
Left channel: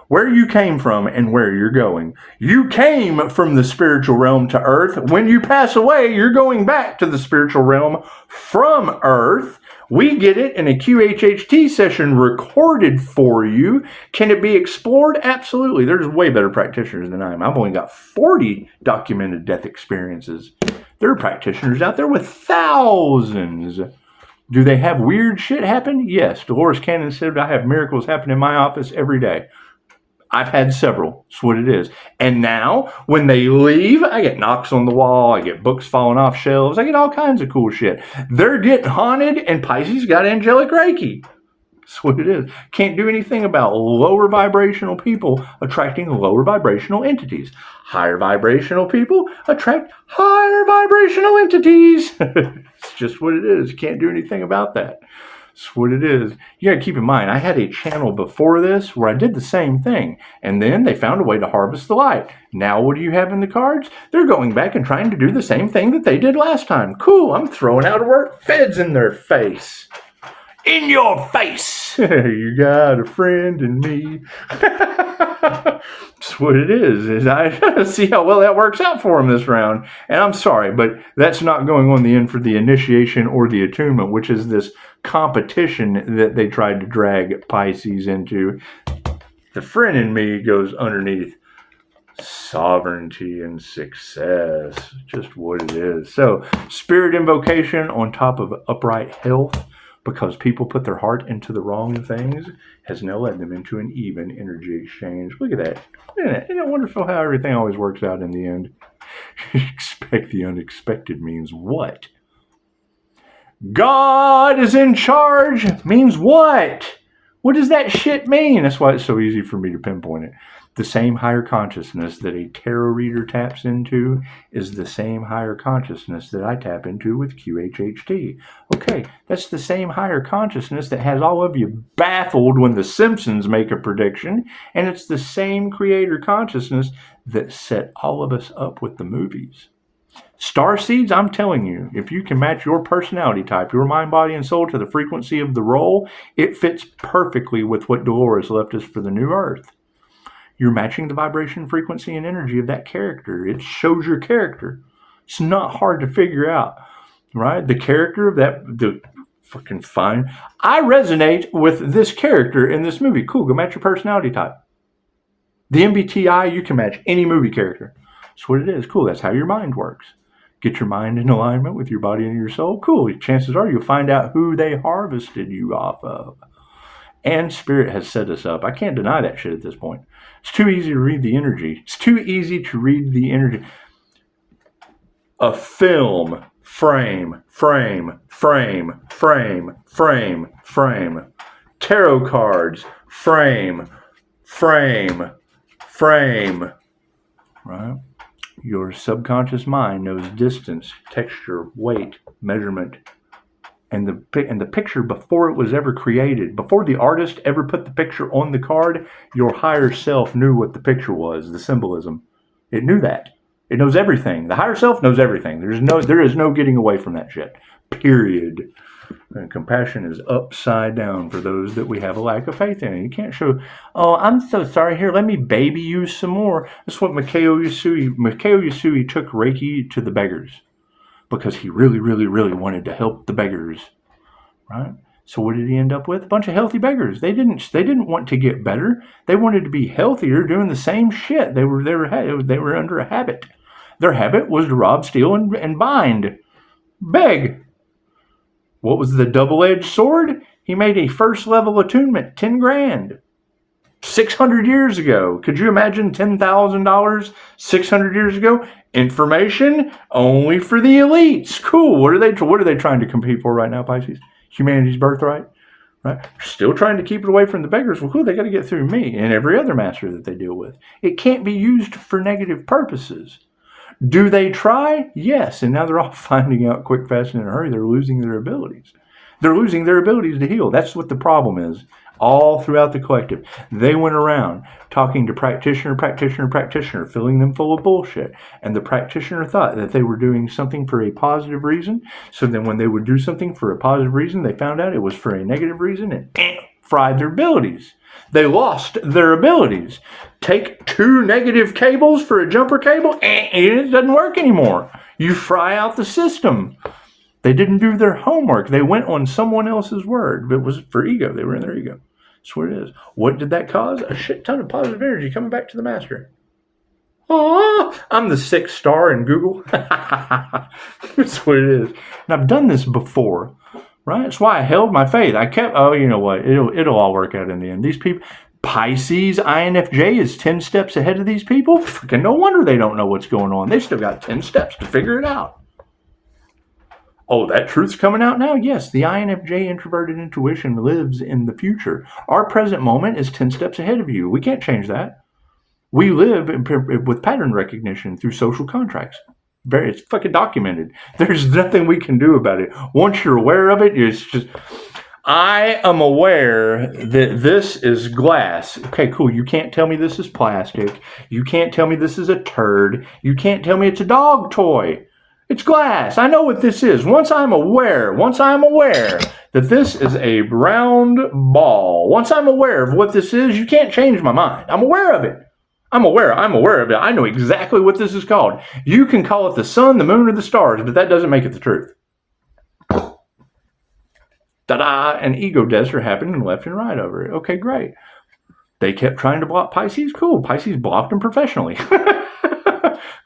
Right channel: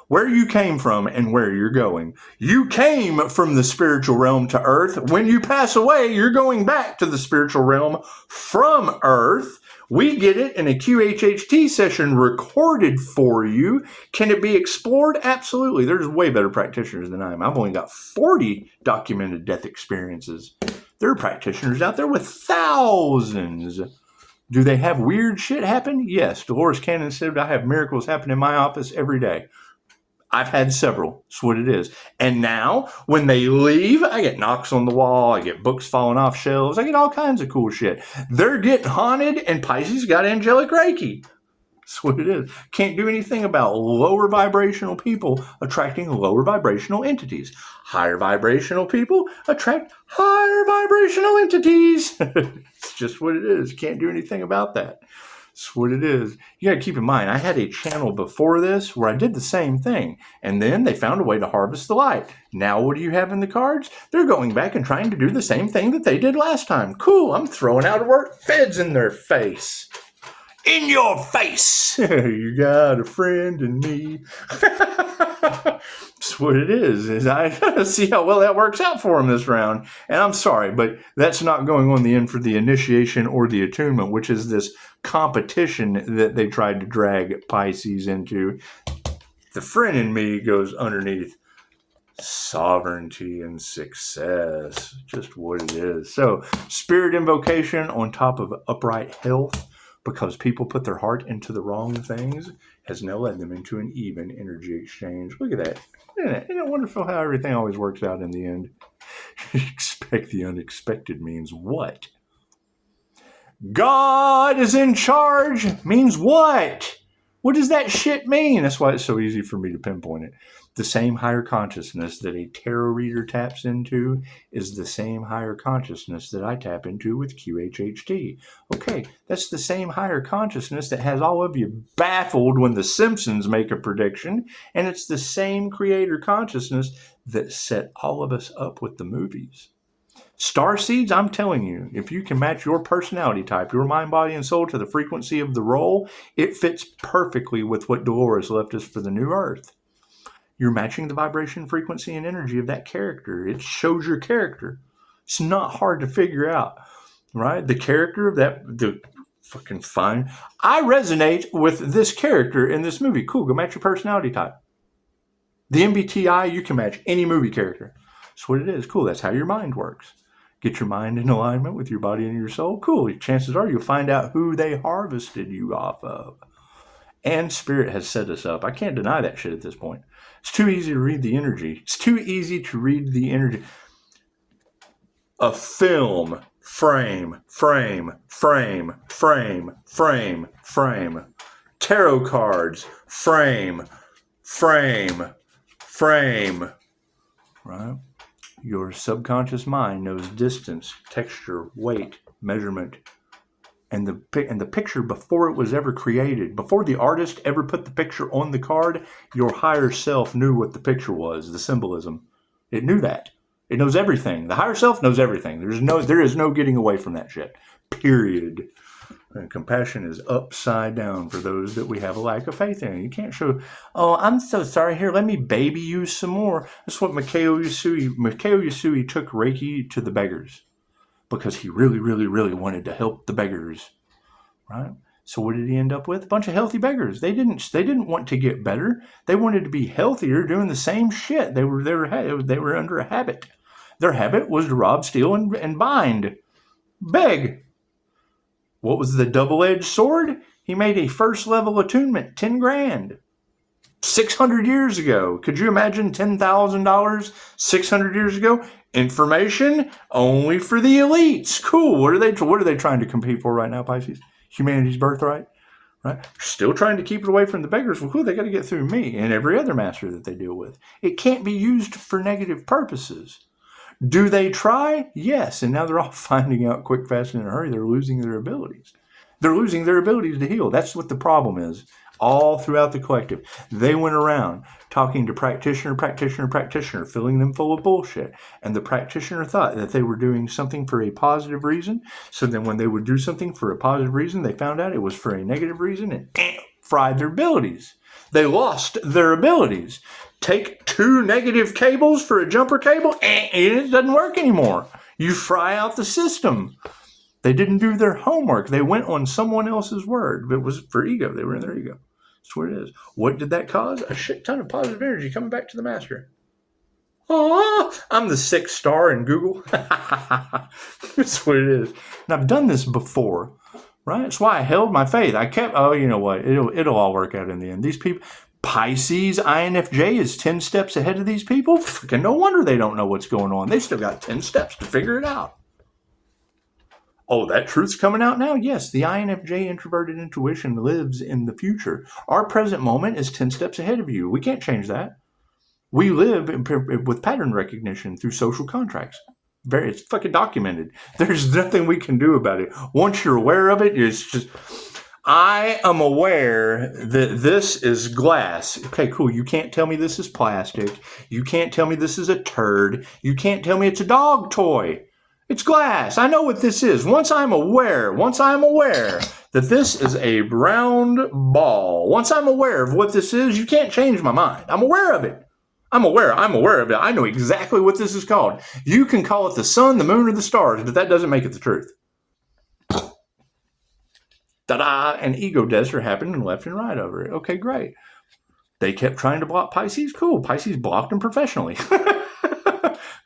Where you came from and where you're going. You came from the spiritual realm to earth. When you pass away, you're going back to the spiritual realm from earth. We get it in a QHHT session recorded for you. Can it be explored? Absolutely. There's way better practitioners than I am. I've only got 40 documented death experiences. There are practitioners out there with thousands. Do they have weird shit happen? Yes. Dolores Cannon said, I have miracles happen in my office every day. I've had several. That's what it is. And now, when they leave, I get knocks on the wall. I get books falling off shelves. I get all kinds of cool shit. They're getting haunted, and Pisces got angelic Reiki. That's what it is. Can't do anything about lower vibrational people attracting lower vibrational entities. Higher vibrational people attract higher vibrational entities. It's just what it is. Can't do anything about that. That's what it is. You gotta keep in mind, I had a channel before this where I did the same thing, and then they found a way to harvest the light. Now what do you have in the cards? They're going back and trying to do the same thing that they did last time. Cool, I'm throwing out a word. Feds in their face. In your face. You got a friend in me. That's what it is I see how well that works out for them this round. And I'm sorry, but that's not going on the end for the initiation or the attunement, which is this competition that they tried to drag Pisces into. The friend in me goes underneath sovereignty and success. Just what it is. So, spirit invocation on top of upright health, because people put their heart into the wrong things, has now led them into an even energy exchange. Look at that. Isn't it wonderful how everything always works out in the end? Expect the unexpected means what? God is in charge means what? What does that shit mean? That's why it's so easy for me to pinpoint it. The same higher consciousness that a tarot reader taps into is the same higher consciousness that I tap into with QHHT. Okay, that's the same higher consciousness that has all of you baffled when the Simpsons make a prediction, and it's the same creator consciousness that set all of us up with the movies. Starseeds, I'm telling you, if you can match your personality type, your mind, body, and soul to the frequency of the role, it fits perfectly with what Dolores left us for the new Earth. You're matching the vibration, frequency, and energy of that character. It shows your character. It's not hard to figure out, right? The character of the fucking fine. I resonate with this character in this movie. Cool, go match your personality type. The MBTI, you can match any movie character. That's what it is. Cool, that's how your mind works. Get your mind in alignment with your body and your soul. Cool, chances are you'll find out who they harvested you off of. And Spirit has set us up. I can't deny that shit at this point. It's too easy to read the energy. It's too easy to read the energy. A film, frame. Tarot cards, frame. Right? Your subconscious mind knows distance, texture, weight, measurement, and the picture before it was ever created, before the artist ever put the picture on the card, your higher self knew what the picture was, the symbolism. It knew that. It knows everything. The higher self knows everything. There is no getting away from that shit. Period. And compassion is upside down for those that we have a lack of faith in. You can't show, oh, I'm so sorry. Here, let me baby you some more. That's what Mikao Usui took Reiki to the beggars because he really, really, really wanted to help the beggars, right? So what did he end up with? A bunch of healthy beggars. They didn't want to get better. They wanted to be healthier, doing the same shit. They were under a habit. Their habit was to rob, steal, and bind, beg. What was the double-edged sword? He made a first-level attunement, 10 grand. 600 years ago. Could you imagine $10,000 600 years ago? Information only for the elites. Cool. What are they trying to compete for right now, Pisces? Humanity's birthright, right? Still trying to keep it away from the beggars. Well, cool. They got to get through me and every other master that they deal with. It can't be used for negative purposes. Do they try? Yes. And now they're all finding out quick, fast, and in a hurry. They're losing their abilities. They're losing their abilities to heal. That's what the problem is. All throughout the collective. They went around talking to practitioner, filling them full of bullshit. And the practitioner thought that they were doing something for a positive reason. So then when they would do something for a positive reason, they found out it was for a negative reason and fried their abilities. They lost their abilities. Take 2 negative cables for a jumper cable, it doesn't work anymore. You fry out the system. They didn't do their homework. They went on someone else's word. It was for ego. They were in their ego. That's what it is. What did that cause? A shit ton of positive energy coming back to the master. Oh, I'm the 6th star in Google. That's what it is. And I've done this before, right? That's why I held my faith. I kept, you know what? It'll all work out in the end. These people, Pisces INFJ is 10 steps ahead of these people. Fucking no wonder they don't know what's going on. They still got 10 steps to figure it out. Oh, that truth's coming out now? Yes, the INFJ introverted intuition lives in the future. Our present moment is 10 steps ahead of you. We can't change that. We live with pattern recognition through social contracts. It's fucking documented. There's nothing we can do about it. Once you're aware of it, it's just, I am aware that this is glass. Okay, cool. You can't tell me this is plastic. You can't tell me this is a turd. You can't tell me it's a dog toy. It's glass. I know what this is. Once I'm aware that this is a round ball, once I'm aware of what this is, you can't change my mind. I'm aware of it. I'm aware of it. I know exactly what this is called. You can call it the sun, the moon, or the stars, but that doesn't make it the truth. Ta-da! And ego deaths are happening left and right over it. Okay, great. They kept trying to block Pisces. Cool. Pisces blocked them professionally.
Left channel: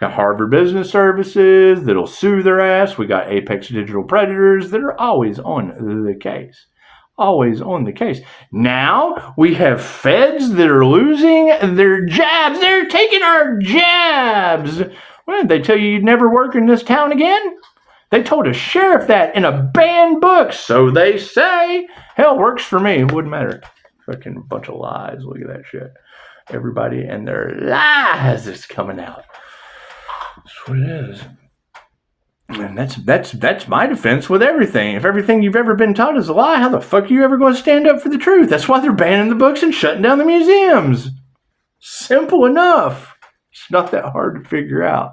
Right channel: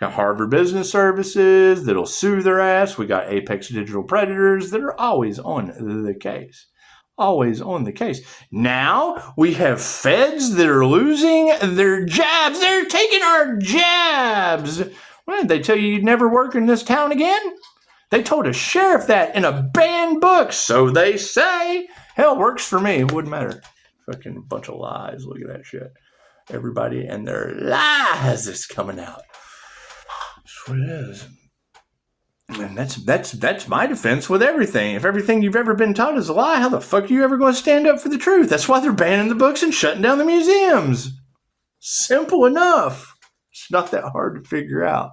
Got Harvard Business Services that'll sue their ass. We got Apex Digital Predators that are always on the case. Always on the case. Now we have feds that are losing their jabs. They're taking our jabs. Well, did they tell you you'd never work in this town again? They told a sheriff that in a banned book. So they say. Hell, works for me. It wouldn't matter. Fucking bunch of lies. Look at that shit. Everybody and their lies is coming out. That's what it is. And that's my defense with everything. If everything you've ever been taught is a lie, how the fuck are you ever going to stand up for the truth? That's why they're banning the books and shutting down the museums. Simple enough. It's not that hard to figure out.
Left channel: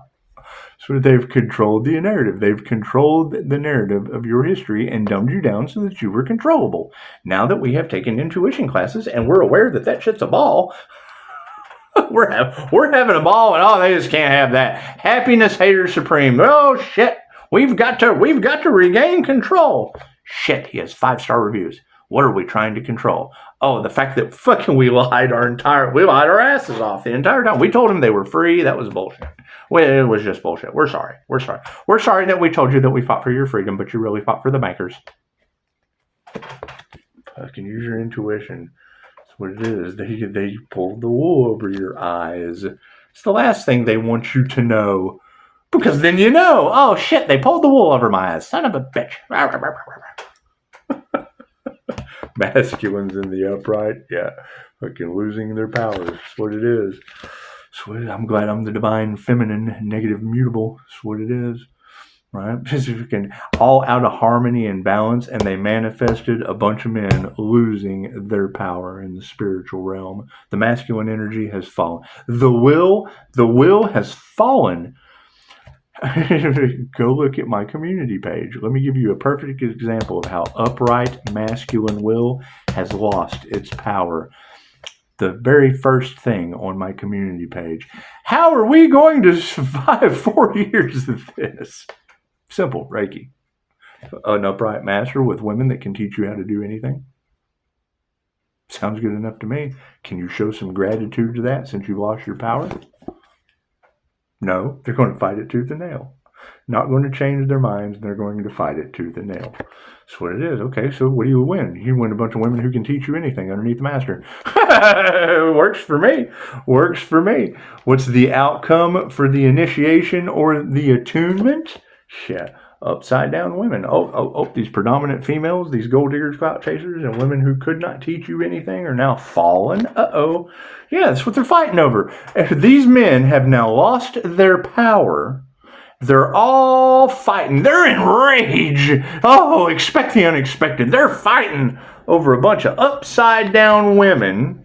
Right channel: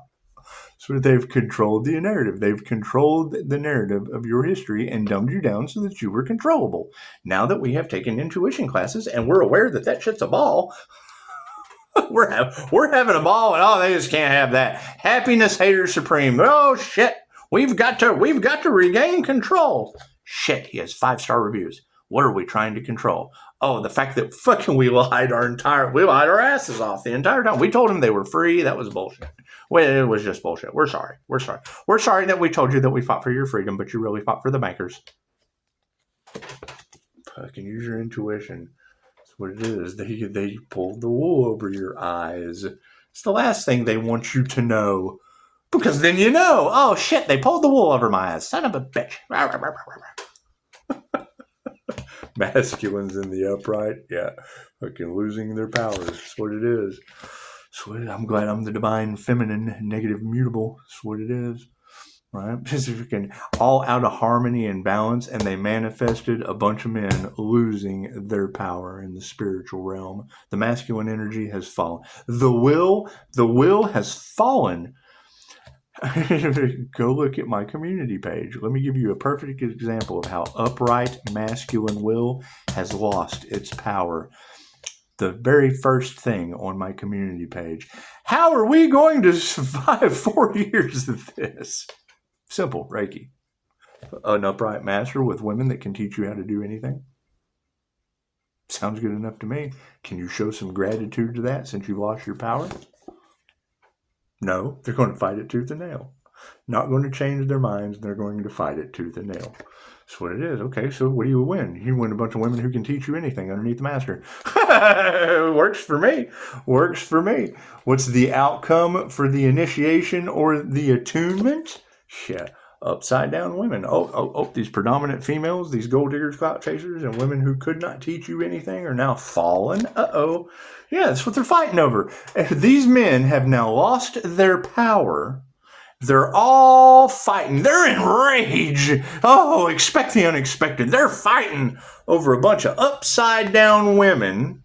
So they've controlled the narrative. They've controlled the narrative of your history and dumbed you down so that you were controllable. Now that we have taken intuition classes and we're aware that that shit's a ball, we're having a ball, and they just can't have that. Happiness haters supreme. Oh shit, we've got to regain control. Shit, he has 5-star reviews. What are we trying to control? Oh, the fact that fucking we lied our asses off the entire time. We told them they were free. That was bullshit. Well, it was just bullshit. We're sorry. We're sorry that we told you that we fought for your freedom, but you really fought for the bankers. Fucking use your intuition. What it is, they pulled the wool over your eyes. It's the last thing they want you to know, because then you know, oh shit, they pulled the wool over my eyes, son of a bitch. Masculines in the upright, yeah, fucking losing their powers. That's what it is. I'm glad I'm the divine feminine, negative mutable. That's what it is. Right? All out of harmony and balance, and they manifested a bunch of men losing their power in the spiritual realm. The masculine energy has fallen. The will has fallen. Go look at my community page. Let me give you a perfect example of how upright masculine will has lost its power. The very first thing on my community page. How are we going to survive 4 years of this? Simple, Reiki. An upright master with women that can teach you how to do anything. Sounds good enough to me. Can you show some gratitude to that since you lost your power? No, they're going to fight it tooth and nail. Not going to change their minds, and they're going to fight it tooth and nail. That's what it is. Okay, so what do you win? You win a bunch of women who can teach you anything underneath the master. Works for me. Works for me. What's the outcome for the initiation or the attunement? Shit. Upside down women. These predominant females, these gold diggers, clout chasers, and women who could not teach you anything are now fallen. Yeah, that's what they're fighting over. These men have now lost their power. They're all fighting. They're enraged. Oh, expect the unexpected. They're fighting over a bunch of upside down women.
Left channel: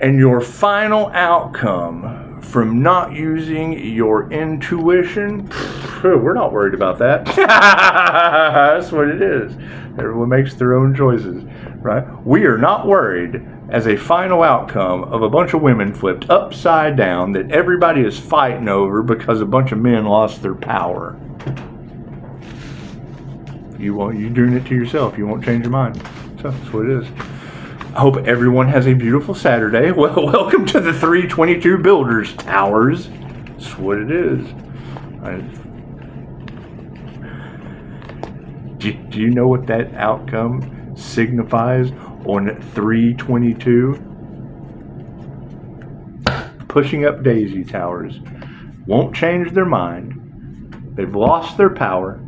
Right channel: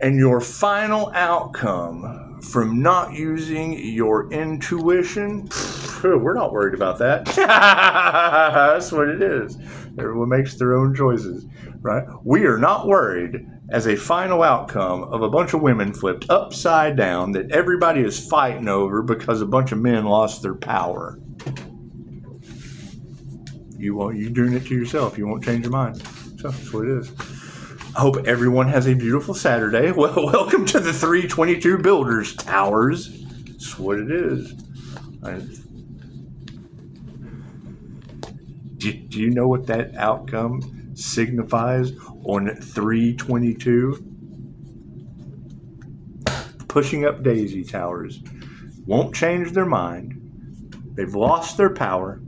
And your final outcome from not using your intuition, we're not worried about that. That's what it is. Everyone makes their own choices, right? We are not worried as a final outcome of a bunch of women flipped upside down that everybody is fighting over because a bunch of men lost their power. You're doing it to yourself. You won't change your mind. So that's what it is. I hope everyone has a beautiful Saturday. Well, welcome to the 322 Builders Towers. That's what it is. Do you know what that outcome signifies on 322? Pushing up daisy towers. Won't change their mind. They've lost their power.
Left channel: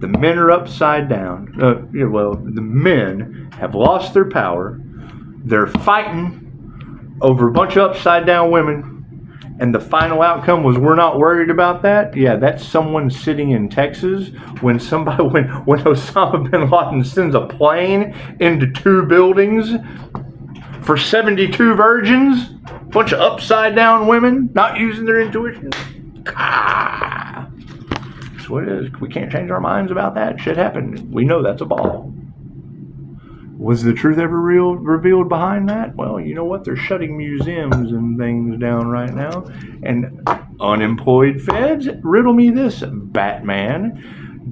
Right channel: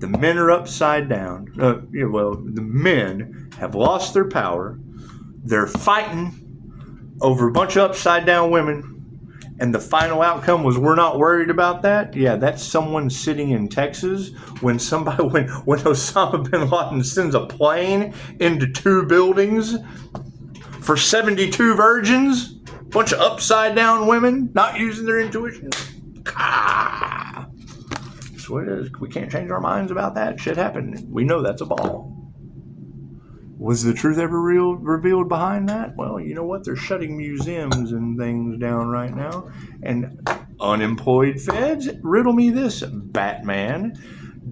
The men are upside down. The men have lost their power. They're fighting over a bunch of upside down women. And the final outcome was we're not worried about that. Yeah, that's someone sitting in Texas when Osama bin Laden sends a plane into 2 buildings for 72 virgins, a bunch of upside down women not using their intuition. That's what it is. We can't change our minds about that. Shit happened. We know that's a ball. Was the truth ever revealed behind that? Well, you know what? They're shutting museums and things down right now. And unemployed feds, riddle me this, Batman.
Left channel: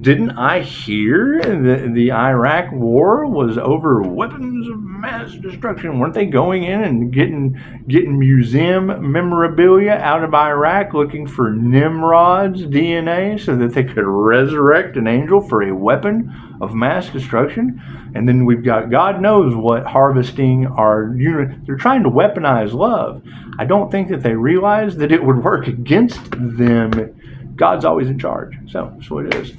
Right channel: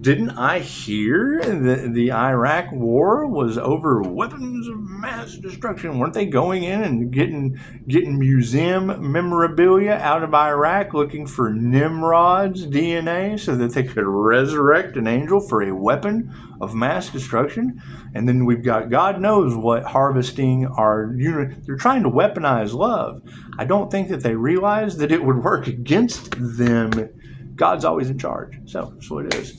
Didn't I hear the Iraq war was over weapons of mass destruction? Weren't they going in and getting museum memorabilia out of Iraq looking for Nimrod's DNA so that they could resurrect an angel for a weapon of mass destruction? And then we've got God knows what harvesting our unit. They're trying to weaponize love. I don't think that they realize that it would work against them. God's always in charge. So that's what it is.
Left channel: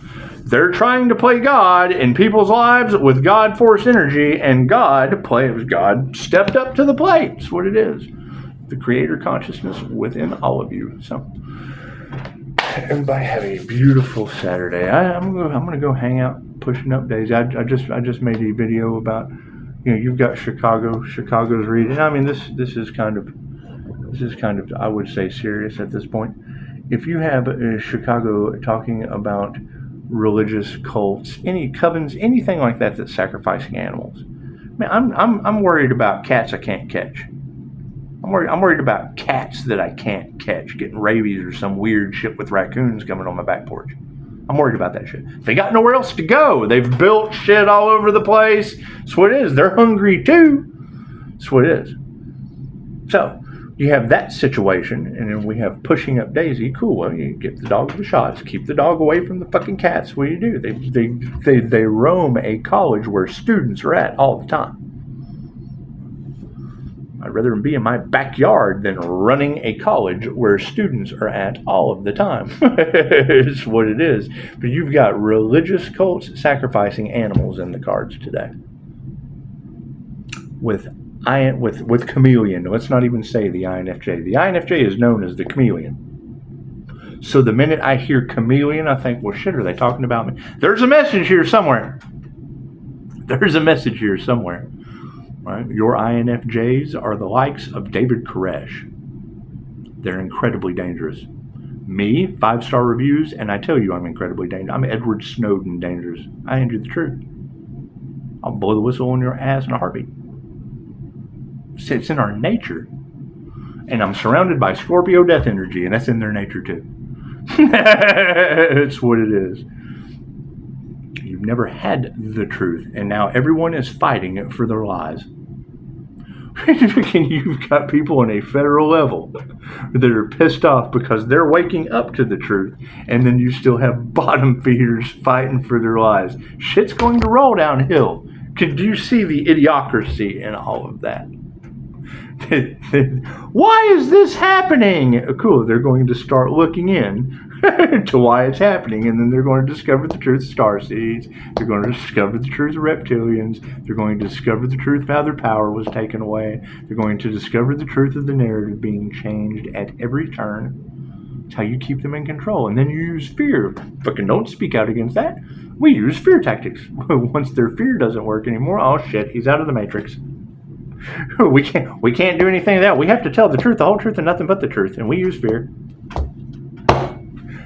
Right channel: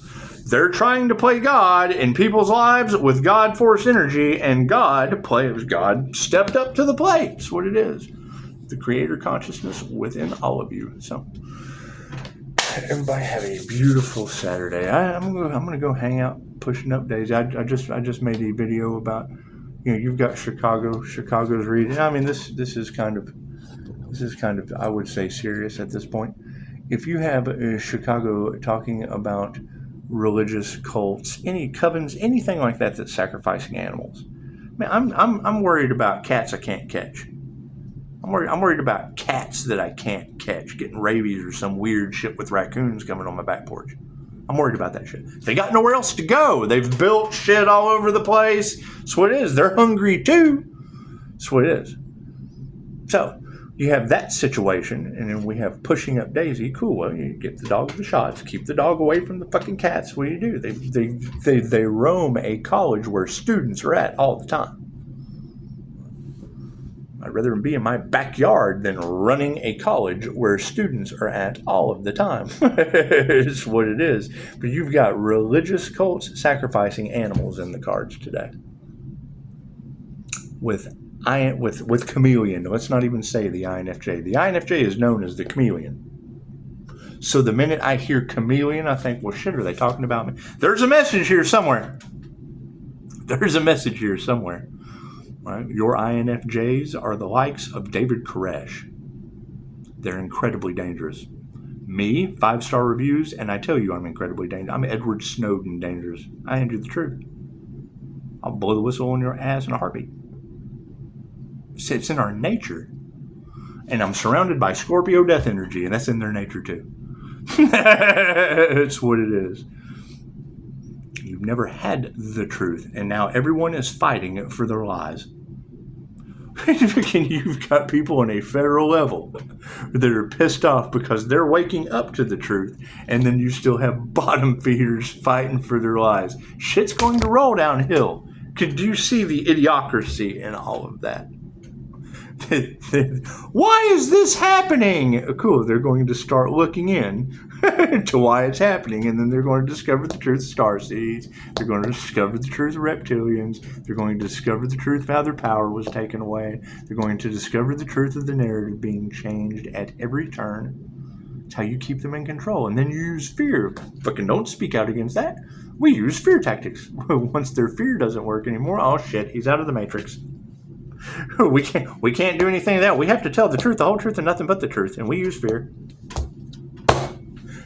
They're trying to play God in people's lives with God force energy, and God stepped up to the plate. That's what it is. The creator consciousness within all of you. So everybody have a beautiful Saturday. I'm gonna go hang out pushing up days. I just made a video about, you've got Chicago's reading. I mean, this is kind of I would say serious at this point. If you have Chicago talking about religious cults, any covens, anything like that that's sacrificing animals, man, I'm worried about cats I can't catch. I'm worried about cats that I can't catch getting rabies or some weird shit with raccoons coming on my back porch. I'm worried about that shit. They got nowhere else to go. They've built shit all over the place. That's what it is. They're hungry too. That's what it is. So you have that situation, and then we have pushing up Daisy. Cool. Well, you get the dog the shots. Keep the dog away from the fucking cats. What do you do? They roam a college where students are at all the time. I'd rather be in my backyard than running a college where students are at all of the time. It's what it is. But you've got religious cults sacrificing animals in the cards today. With chameleon. Let's not even say the INFJ. The INFJ is known as the chameleon. So the minute I hear chameleon, I think, well, shit, are they talking about me? There's a message here somewhere. Right? Your INFJs are the likes of David Koresh. They're incredibly dangerous. Me, 5-star reviews, and I tell you I'm incredibly dangerous. I'm Edward Snowden dangerous. I hand you the truth. I'll blow the whistle on your ass in a heartbeat. It's in our nature. And I'm surrounded by Scorpio death energy, and that's in their nature too. It's what it is. You've never had the truth, and now everyone is fighting for their lies. You've got people on a federal level that are pissed off because they're waking up to the truth, and then you still have bottom feeders fighting for their lies. Shit's going to roll downhill. Could you see the idiocracy in all of that? Why is this happening? Cool, they're going to start looking in to why it's happening, and then they're going to discover the truth of starseeds. They're going to discover the truth of reptilians. They're going to discover the truth of how their power was taken away. They're going to discover the truth of the narrative being changed at every turn. It's how you keep them in control, and then you use fear. Fucking don't speak out against that. We use fear tactics. Once their fear doesn't work anymore, oh shit, he's out of the matrix. We can't do anything of that. We have to tell the truth, the whole truth, and nothing but the truth, and we use fear.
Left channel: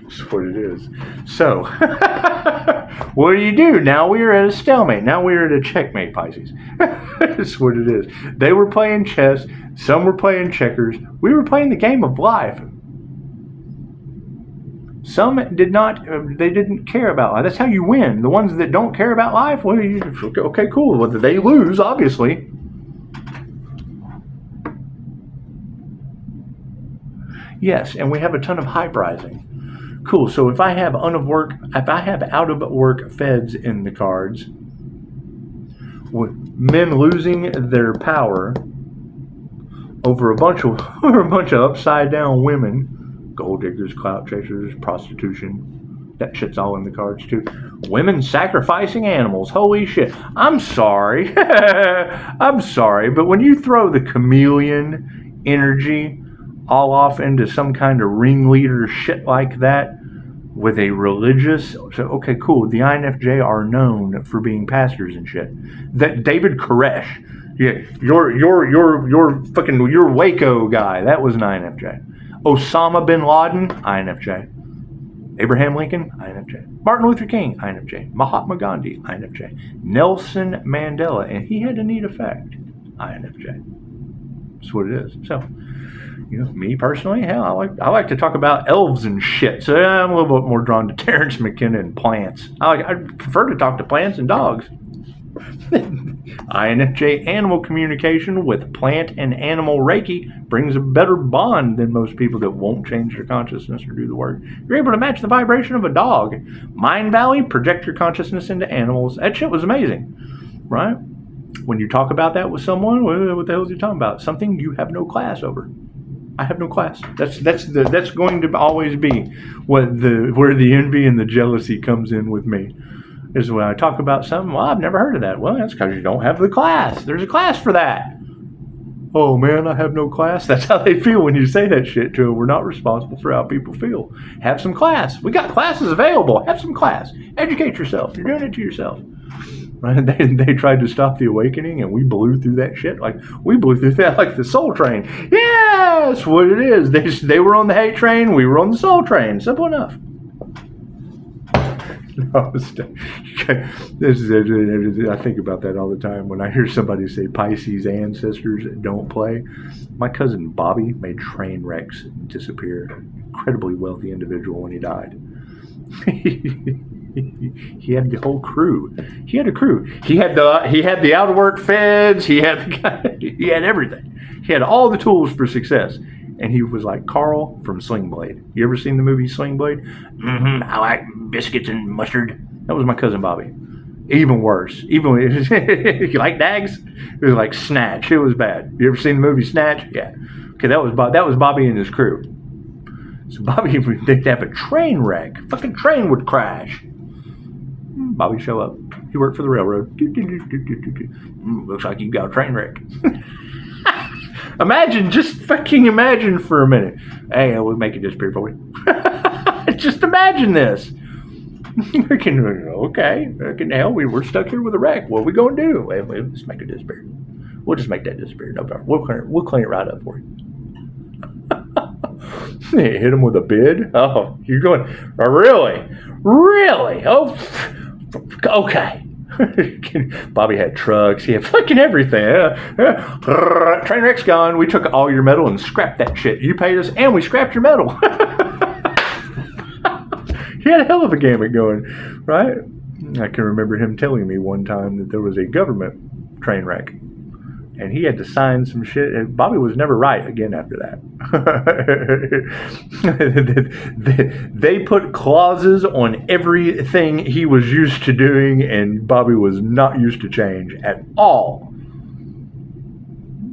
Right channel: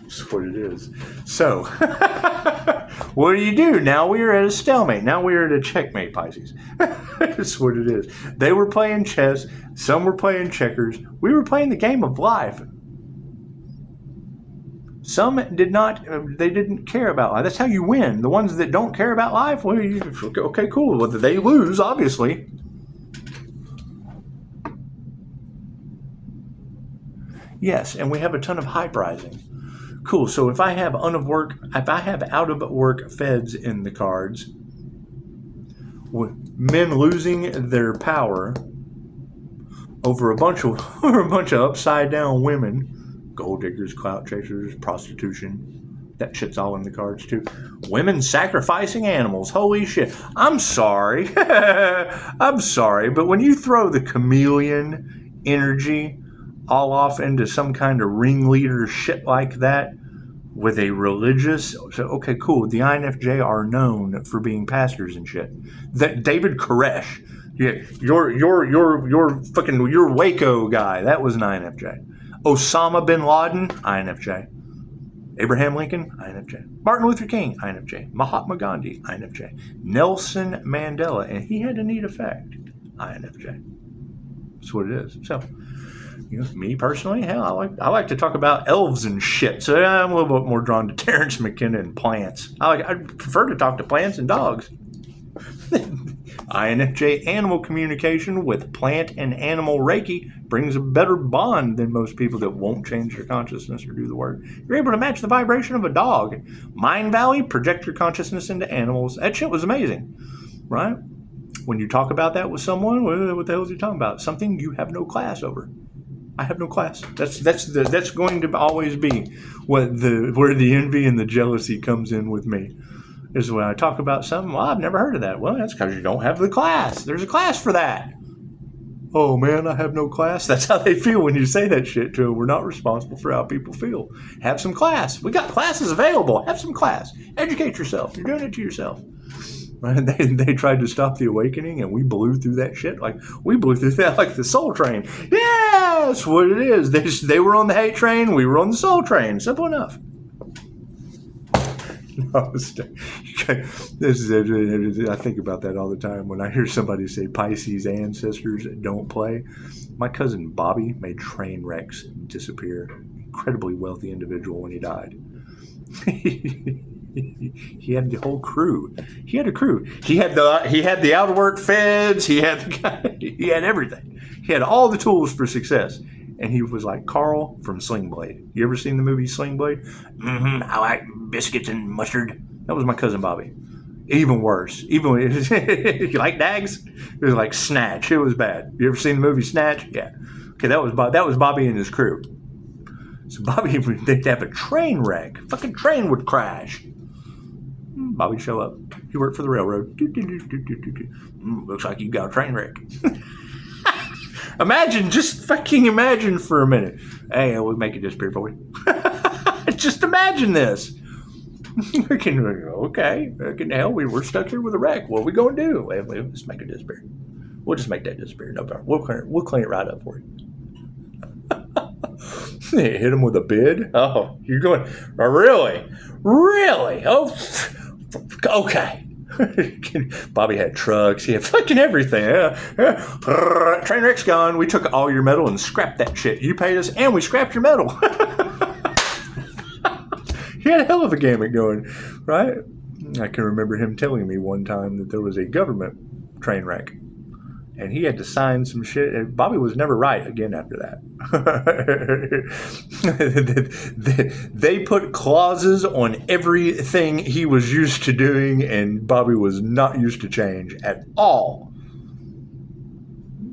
That's what it is. So, what do? Now we are at a stalemate. Now we are at a checkmate, Pisces. That's what it is. They were playing chess. Some were playing checkers. We were playing the game of life. Some did not. They didn't care about life. That's how you win. The ones that don't care about life, well, okay, cool. Well, they lose, obviously. Yes, and we have a ton of hype rising. Cool. So if I have out of work feds in the cards, men losing their power over a bunch of upside down women, gold diggers, clout chasers, prostitution, that shit's all in the cards too. Women sacrificing animals. Holy shit. I'm sorry. I'm sorry, but when you throw the chameleon energy all off into some kind of ringleader shit like that with a religious, so okay, cool. The INFJ are known for being pastors and shit. That David Koresh, yeah, your Waco guy, that was an INFJ. Osama bin Laden, INFJ. Abraham Lincoln, INFJ. Martin Luther King, INFJ. Mahatma Gandhi, INFJ. Nelson Mandela, and he had a neat effect, INFJ. That's what it is. So, me personally, hell, I like to talk about elves and shit. So I'm a little bit more drawn to Terrence McKenna and plants. I prefer to talk to plants and dogs. INFJ animal communication with plant and animal Reiki brings a better bond than most people that won't change their consciousness or do the work. You're able to match the vibration of a dog. Mind Valley, project your consciousness into animals. That shit was amazing, right? When you talk about that with someone, what the hell is he talking about? Something you have no class over. I have no class. That's going to always be where the envy and the jealousy comes in with me. Is when I talk about something, well, I've never heard of that. Well, that's because you don't have the class. There's a class for that. Oh man, I have no class. That's how they feel when you say that shit to them. We're not responsible for how people feel. Have some class. We got classes available. Have some class. Educate yourself. You're doing it to yourself. And they tried to stop the awakening, and we blew through that shit. We blew through that like the soul train. Yeah, that's what it is. They were on the hate train. We were on the soul train. Simple enough. Namaste. I think about that all the time when I hear somebody say Pisces ancestors don't play. My cousin Bobby made train wrecks disappear. Incredibly wealthy individual when he died. He had the whole crew. He had a crew. He had the out of work feds. He had everything. He had all the tools for success. And he was like Carl from Sling Blade. You ever seen the movie Sling Blade? Mm-hmm. I like biscuits and mustard. That was my cousin Bobby. Even worse. You like Dags? It was like Snatch. It was bad. You ever seen the movie Snatch? Yeah. Okay, that was Bobby and his crew. So Bobby, they'd have a train wreck. Fucking train would crash. Bobby show up. He worked for the railroad. Looks like you got a train wreck. Just fucking imagine for a minute. Hey, we'll make it disappear for you. Just imagine this. Okay, hell, we're stuck here with a wreck. What are we going to do? Well, let's make it disappear. We'll just make that disappear. No problem. We'll clean it right up for you. Hit him with a bid? Oh, you're going, oh, really? Really? Oh, okay. Bobby had trucks. He had fucking everything. Train wreck's gone. We took all your metal and scrapped that shit. You paid us and we scrapped your metal. He had a hell of a gamut going, right? I can remember him telling me one time that there was a government train wreck and he had to sign some shit. And Bobby was never right again after that. They put clauses on everything he was used to doing, and Bobby was not used to change at all.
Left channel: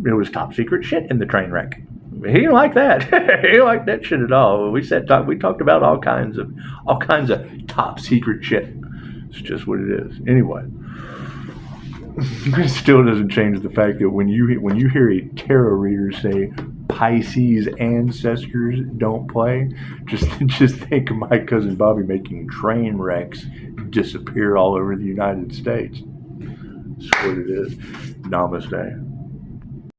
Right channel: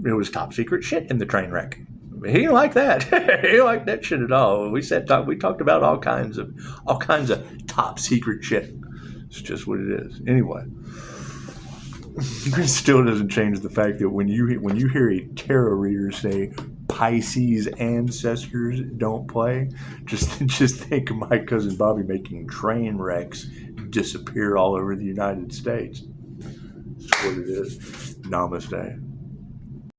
It was top secret shit in the train wreck. He didn't like that. He didn't like that shit at all. We talked about all kinds of top secret shit. It's just what it is. Anyway. It still doesn't change the fact that when you hear a tarot reader say Pisces ancestors don't play, just think of my cousin Bobby making train wrecks disappear all over the United States. That's what it is. Namaste.